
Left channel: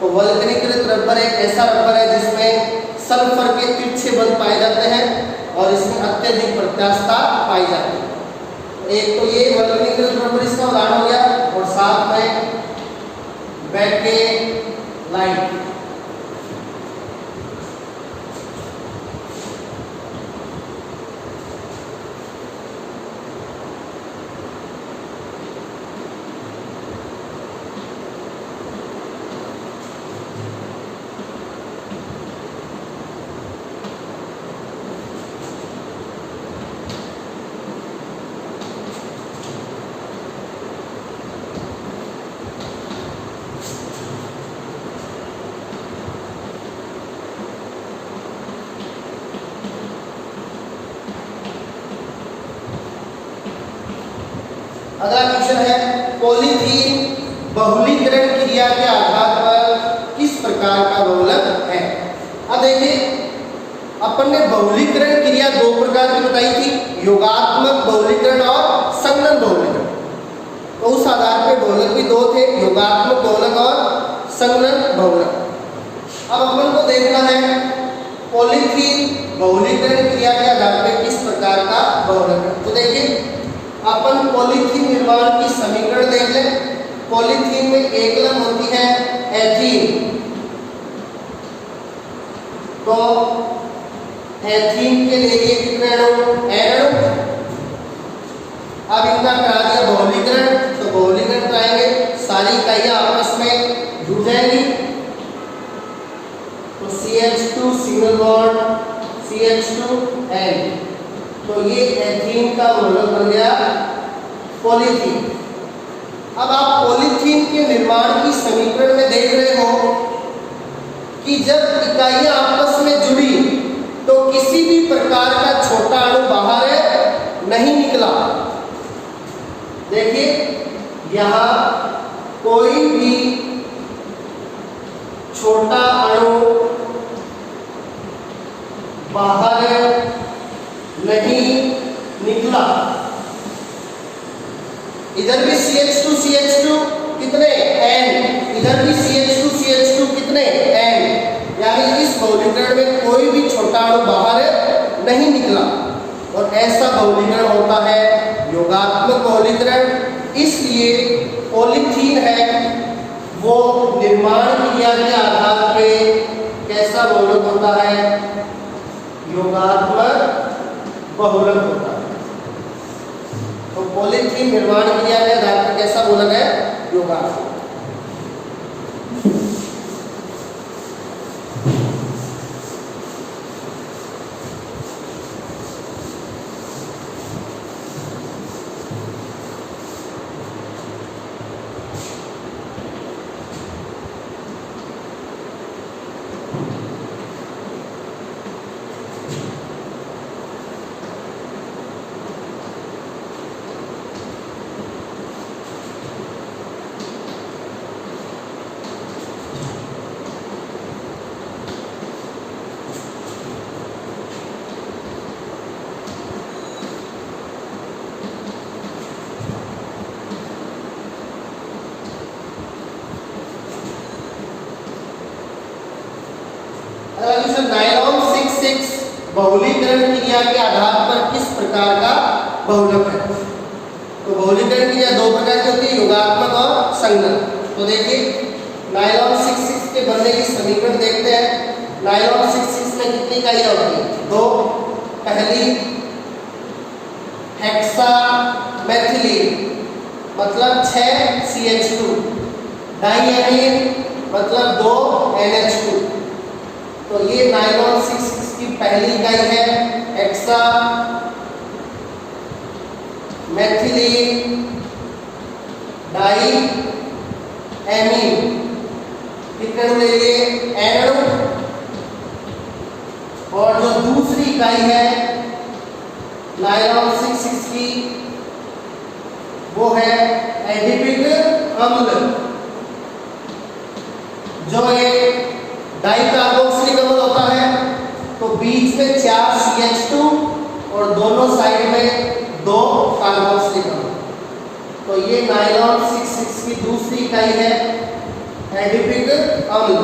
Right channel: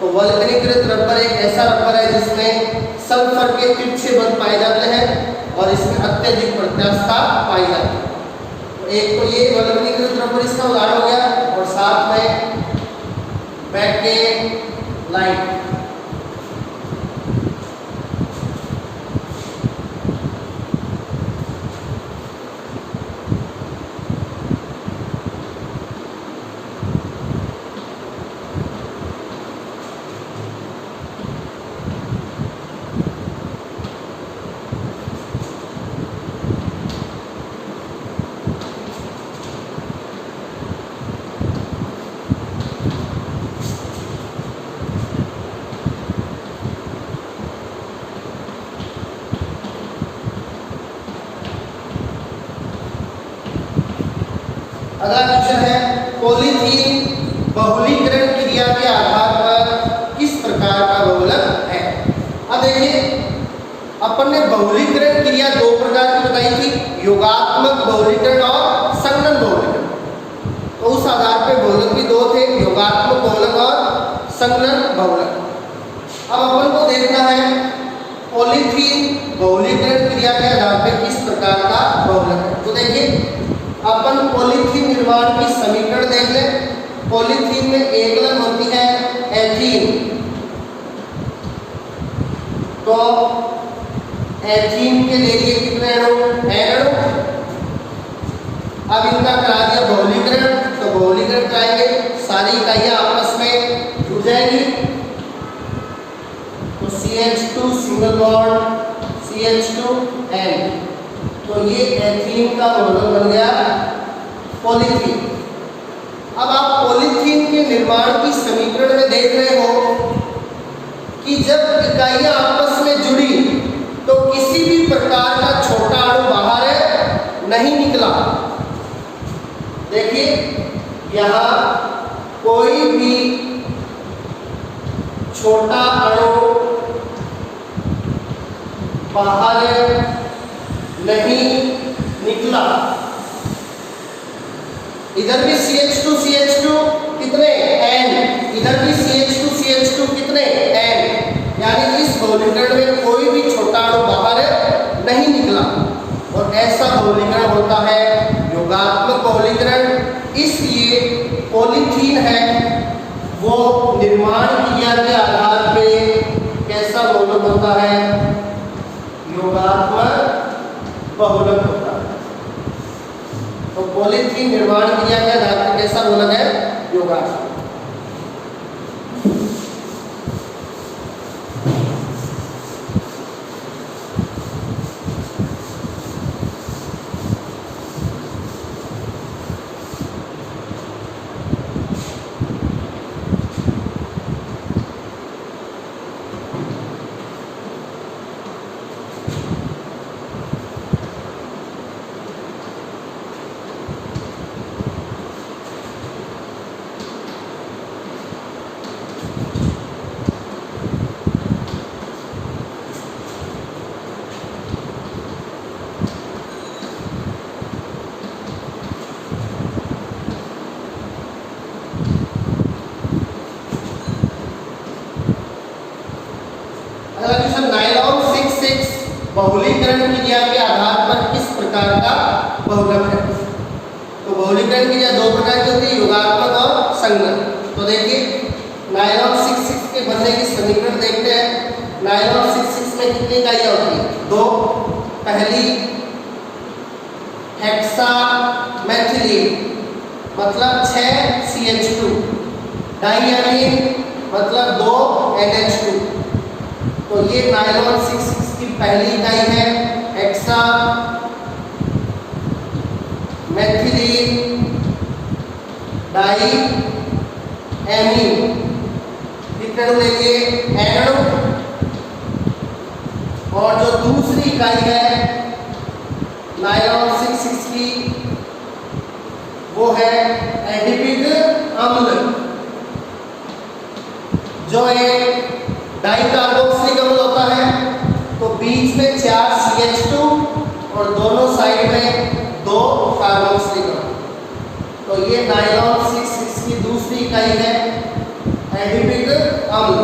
तो वल्कनीकृत रबर एक ऐसा रबर है जिसमें सल्फर के तिरछे बल पाए जाते हैं और इसमें अत्यधिक प्रत्यास्थता पाई जाती है। तो एक तो ये वल्कनीकृत रबर इसका उदाहरण हो गया और साथ में बेकेलाइट। अगला क्वेश्चन है पॉलीथीन बहुलीकरण क्रिया के आधार पर किस प्रकार का बहुलक है। अब देखिए अपन ने बहुलीकरण क्रिया दो प्रकार की बताई थी, योगात्मक बहुलीकरण और संगणन बहुलीकरण। तो उस आधार पे बहुलक भी दो थे, योगात्मक बहुलक और संगणन बहुलक। अब अपन को देखना है पॉलीथीन बहुलीकरण क्रिया के आधार पर किस प्रकार का बहुलक है। तो देखिए अपन पॉलीथीन निर्माण की समीकरण देख लें। पॉलीथीन में एक लग होती है एथीन, तो एथीन के लिए कितने अणु, अणु। अब इनका करा दिया बहुलीकरण, तो बहुलीकरण कराएंगे, सारी इकाइयां आपस में जुड़ जाएंगी। तो CH2 सिंगल बॉन्ड CH2N, तो ये एथीन का बहुलक बन गया पॉलीथीन। अब आप पॉलीथीन के निर्माण की समीकरण में देख रहे हो कि जब इकाइयां आपस में जुड़ी तो किसी भी प्रकार का छोटा अणु बाहर नहीं निकला। देखिए यहां कोई भी छोटा अणु बाहर नहीं निकला। इधर भी CH2 कितने N, इधर भी CH2 कितने N, यानी इस बहुलीकरण में कोई भी छोटा अणु बाहर नहीं निकला। और ऐसा बहुलीकरण होता है योगात्मक बहुलीकरण। इसलिए पॉलीथीन है वो निर्माण क्रिया के आधार पे कैसा बहुलक होता है, योगात्मक बहुलक होता है। तो पॉलीथीन निर्माण क्रिया के आधार पर कैसा बहुलक है, योगात्मक। नायलॉन 6 बहुलीकरण क्रिया के आधार पर किस प्रकार का बहुलक है। तो बहुलीकरण क्रिया दो प्रकार की होती है, योगात्मक और संगणन। तो देखिए नायलॉन 6 के बनने की समीकरण देखते हैं। नायलॉन 6 में कितनी इकाइयां होती है, दो। पहली हेक्सामेथिलीन मतलब 6 CH2, डाइअमीन मतलब 2 NH2। तो ये नायलॉन 6 की पहली इकाई है, हेक्सा मेथिलीन डाई एमीन। कितने अणु लेंगे, N अणु। और जो दूसरी इकाई है नायलॉन 6 की वो है एडिपिक अम्ल, जो एक डाई कार्बोक्सिलिक अम्ल होता है। तो बीच में 4 CH2 और दोनों साइड में 2 कार्बोक्सिलिक अम्ल। तो तो ये नायलॉन 6,6 की दूसरी इकाई है एडिपिक अम्ल।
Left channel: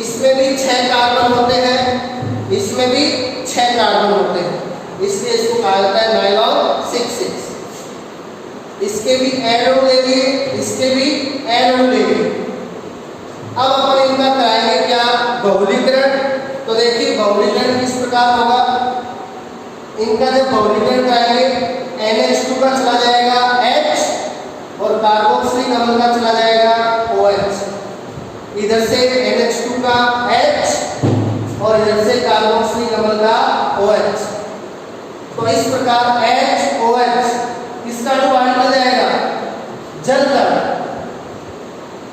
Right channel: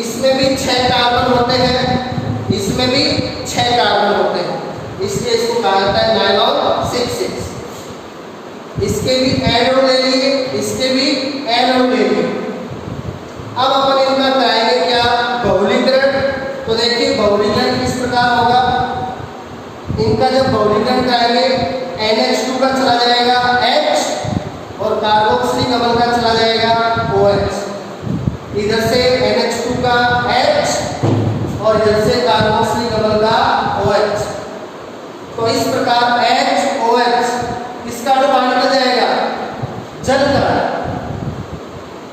इसमें भी 6 कार्बन होते हैं, इसमें भी 6 कार्बन होते हैं, इसलिए इसको कहा जाता है नायलॉन 6,6। इसके भी एन अणु ले लिए, इसके भी एन अणु ले लिए। अब अपन इनका कराएंगे क्या, बहुलीकरण। तो देखिए बहुलीकरण किस प्रकार होगा। इनका जब बहुलीकरण कराएंगे NH2 का चला जाएगा H और कार्बोक्सिलिक अम्ल का चला जाएगा OH। इधर से NH2 का H और इधर से कार्बोक्सिलिक अम्ल का OH। तो इस प्रकार HOH किसका अणु बाहर निकल जाएगा, जल का।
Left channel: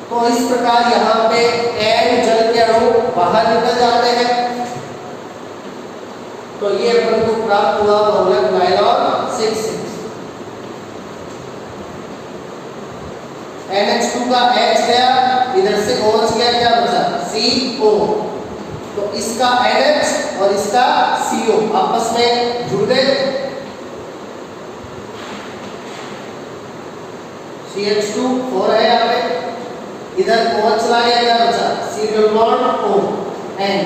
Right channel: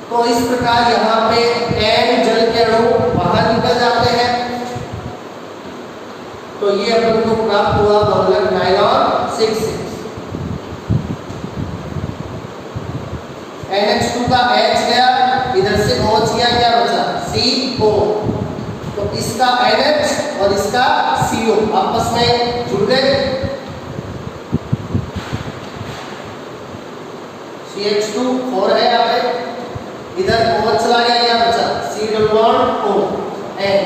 तो इस प्रकार यहाँ पे N जल के अणु बाहर निकल जाते हैं। तो ये अपन को प्राप्त हुआ बहुलक नायलॉन 6,6। NH2 का H गया, इधर से OH गया, क्या बचा CO। तो इसका NH और इसका CO आपस में जुड़ गए। CH2 4 है यहाँ पे, इधर OH चला गया, क्या बचा C double bond O N।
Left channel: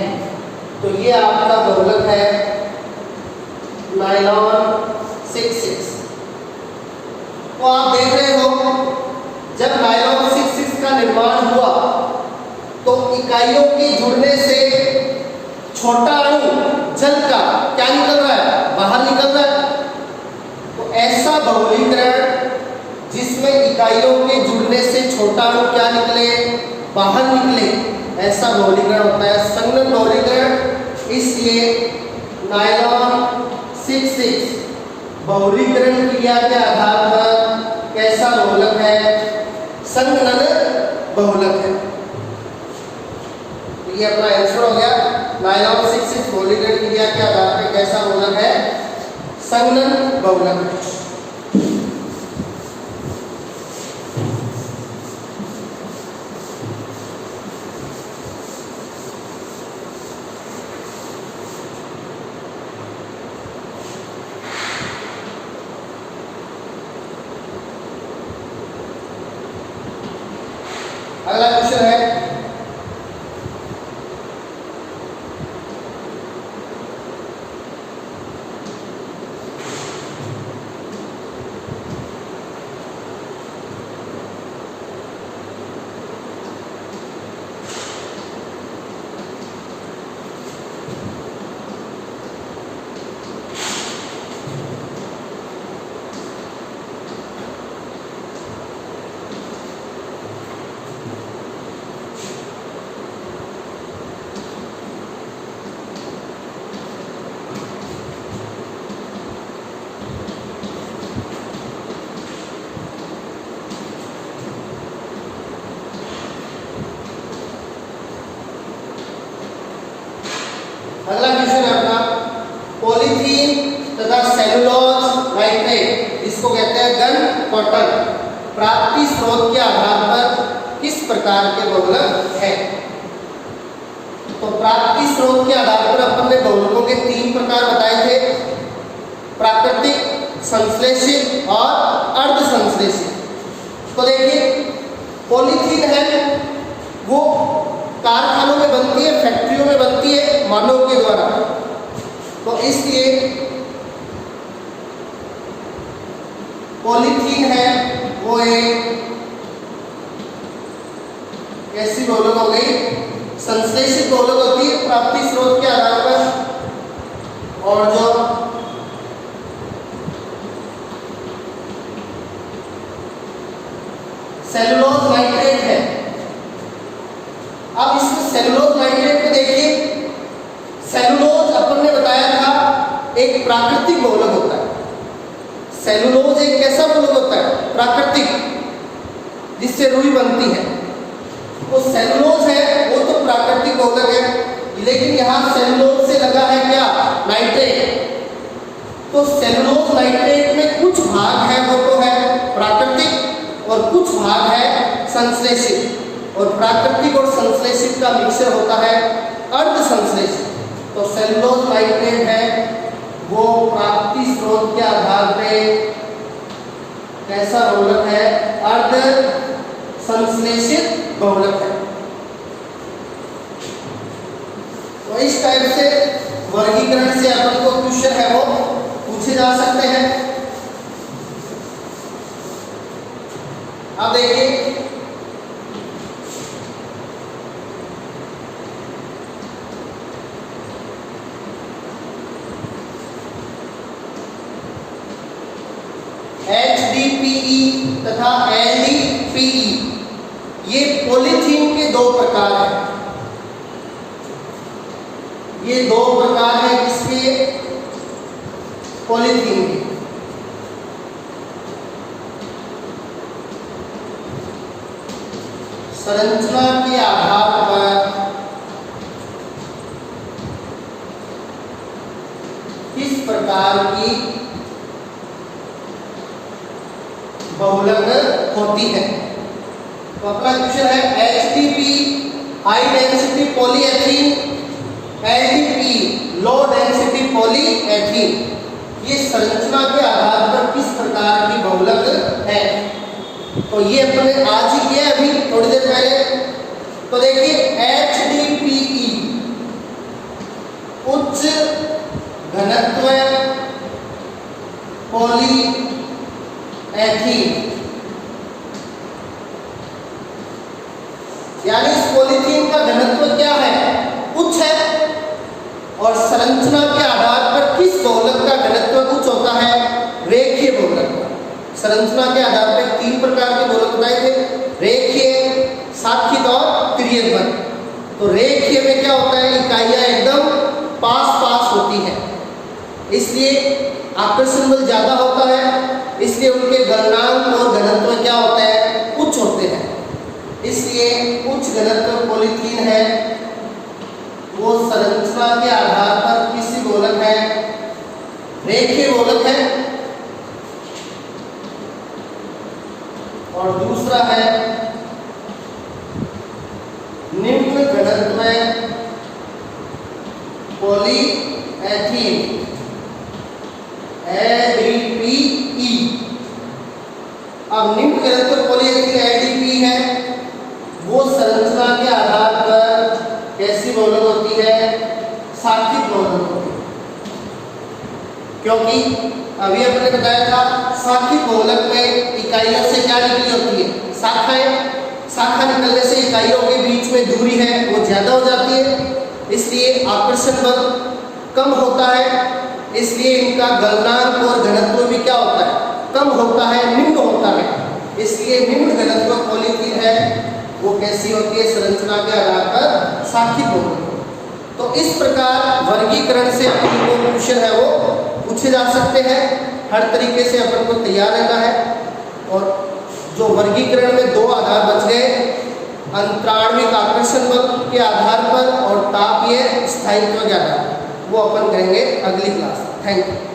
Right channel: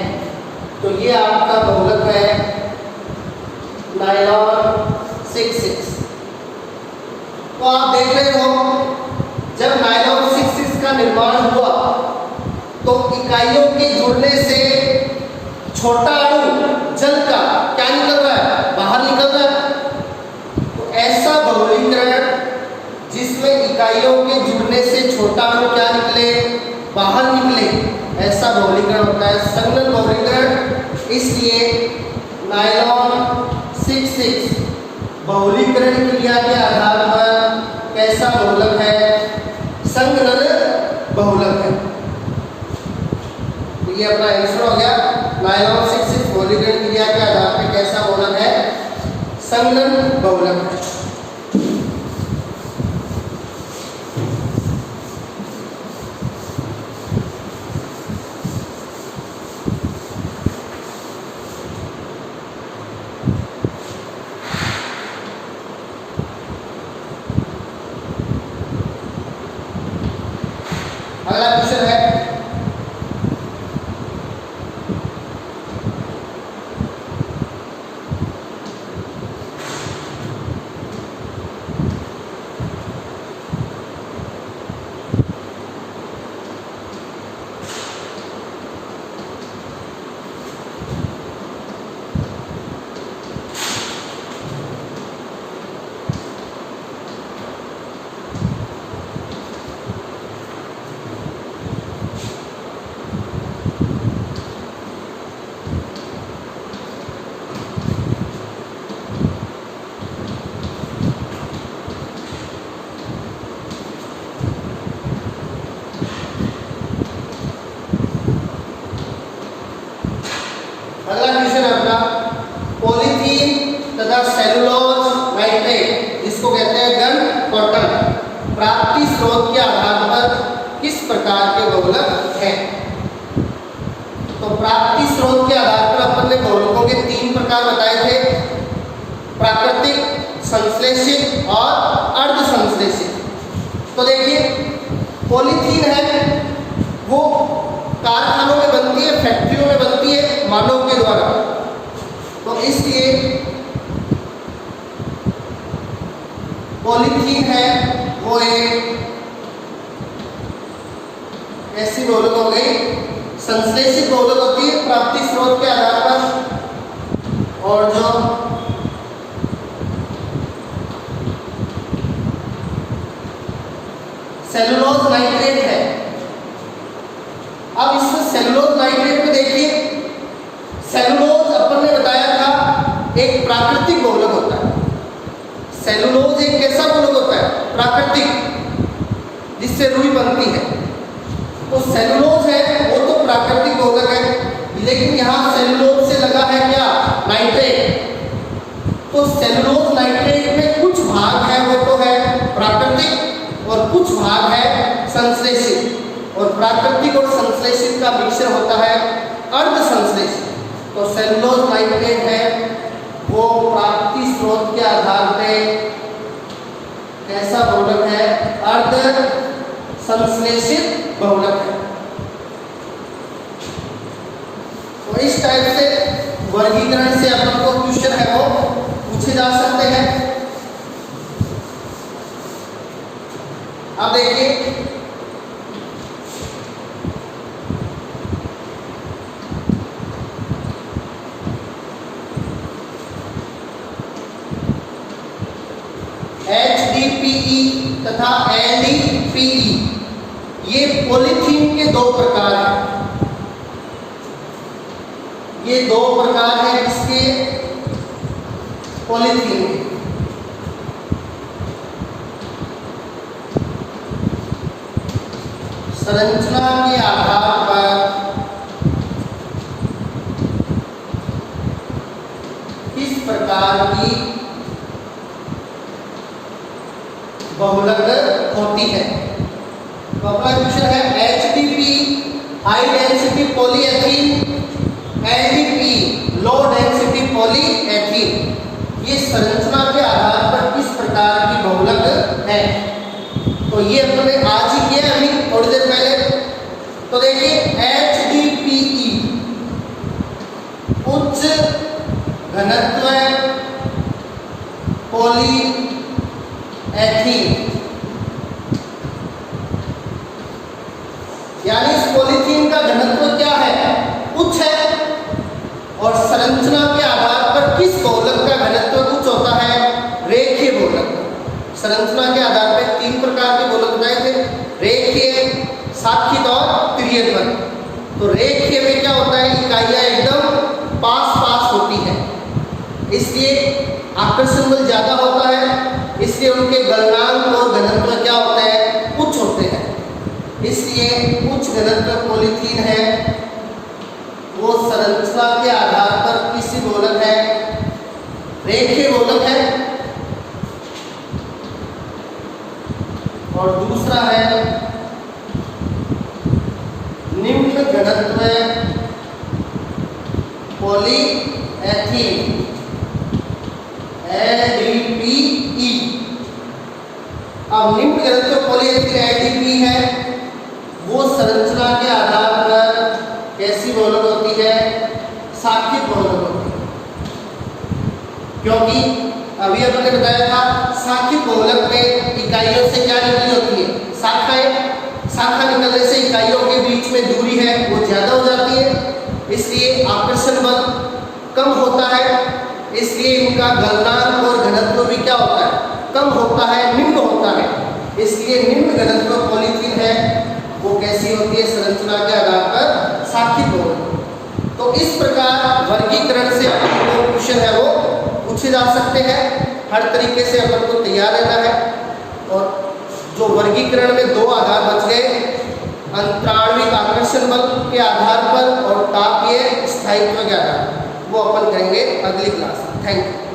तो ये आपका बहुलक है नायलॉन 6,6। तो आप देख रहे हो जब नायलॉन 6,6 का निर्माण हुआ तो इकाइयों के जुड़ने से छोटा अणु जल का क्या निकल रहा है, बाहर निकल रहा है। तो ऐसा बहुलीकरण जिसमें इकाइयों के जुड़ने से छोटा अणु क्या निकले, बाहर निकले, ऐसा बहुलीकरण होता है संघनन बहुलीकरण। इसलिए नायलॉन 6,6 बहुलीकरण क्रिया के आधार पर कैसा बहुलक है, संघनन बहुलक है। तो ये अपना आंसर हो गया, नायलॉन 6,6 बहुलीकरण क्रिया के आधार पर कैसा बहुलक है, संघनन बहुलक है। अगला क्वेश्चन है पॉलीथीन तथा सेलुलोज नाइट्रेट, जिसको कहते हैं गन कॉटन, प्राप्ति स्रोत के आधार पर किस प्रकार के बहुलक हैं। तो प्राप्ति स्रोत के आधार पर अपन ने बहुलकों के 3 प्रकार बताए थे, प्राकृतिक, संश्लेषित और अर्ध संश्लेषित। तो देखिए पॉलीथीन है वो कारखानों में बनती है, फैक्ट्रियों में बनती है मानव के द्वारा। तो इसलिए पॉलीथीन है वो एक ऐसी बहुलक हो गई, संश्लेषित बहुलक होती है प्राप्ति स्रोत के आधार पर। और जो सेलुलोज नाइट्रेट है, अब इसमें सेलुलोज नाइट्रेट को देखिए, सेलुलोज अपन ने बताया था एक प्राकृतिक बहुलक होता है। सेलुलोज एक कैसा बहुलक होता है, प्राकृतिक, जिससे रुई बनती है। तो सेलुलोज है वो तो प्राकृतिक बहुलक है, लेकिन यहाँ सेलुलोज से लगा है क्या, नाइट्रेट। तो सेलुलोज नाइट्रेट में कुछ भाग है वो तो है प्राकृतिक और कुछ भाग है संश्लेषित, और प्राकृतिक और संश्लेषित का मिश्र होता है अर्ध संश्लेषित। तो सेलुलोज नाइट्रेट है वो प्राप्ति स्रोत के आधार पे कैसा बहुलक है? अर्ध संश्लेषित बहुलक है। तो इस टाइप से वर्गीकरण से अपन को क्वेश्चन है वो पूछे जा सकते हैं। अब देखिए HDPE तथा LDPE ये पॉलीथीन के दो प्रकार हैं। ये दो प्रकार हैं इसके पॉलीथीन के। संरचना के आधार पर किस प्रकार की बहुलक होती है? तो अपना क्वेश्चन है HDPE high density polyethene, LDPE low density polyethene, ये संरचना के आधार पर किस प्रकार की बहुलक है? तो ये अपने आज ही किया अभी थोड़ी देर पहले। तो देखिए HDPE उच्च घनत्व पॉलीएथीन, यानी इस पॉलीथीन का घनत्व क्या है? उच्च है। और संरचना के आधार पर किस बहुलक का घनत्व उच्च होता है? रेखीय बहुलक। संरचना के आधार पर तीन प्रकार के बहुलक बनाए थे, रेखीय, साखित और तिर्यक। तो रेखीय में क्या होता है? इकाइयां एकदम पास पास होती है, इसलिए आकर्षण बल ज्यादा होता है, इसलिए उनके गलनांक और घनत्व क्या होते हैं? उच्च होते हैं। इसलिए उच्च घनत्व पॉलीथीन है वो संरचना के आधार पर किसी बहुलक है? रेखीय बहुलक है। और दूसरा है निम्न घनत्व पॉलीएथीन, LDPE। अब निम्न घनत्व पॉलीएथीन LDPE है वो संरचना के आधार पर कैसी बहुलक होती है? साखित बहुलक होती है। क्योंकि अभी अपने बताया था साखित बहुलक में इकाइयों से क्या निकली होती है? शाखाएं। शाखा निकलने से इकाइयों के बीच में दूरी है वो ज्यादा हो जाती है, इसलिए आकर्षण बल कम होता है, इसलिए इनका गलनांक और घनत्व भी क्या होता है? कम होता है, निम्न होता है। इसलिए निम्न घनत्व पॉलीथीन है वो कैसी होती है? संरचना के आधार पर साखित बहुलक। तो इस प्रकार वर्गीकरण से अपन को क्वेश्चन है वो पूछे जा सकते हैं। हर तरीके से अपन को तैयार रहना है। और जो वर्गीकरण में दो आधार बच गए, अंतराणविक आकर्षण बल के आधार पर और तापीय स्थायित्व के आधार, वो अपन करेंगे अगली क्लास। Thank you.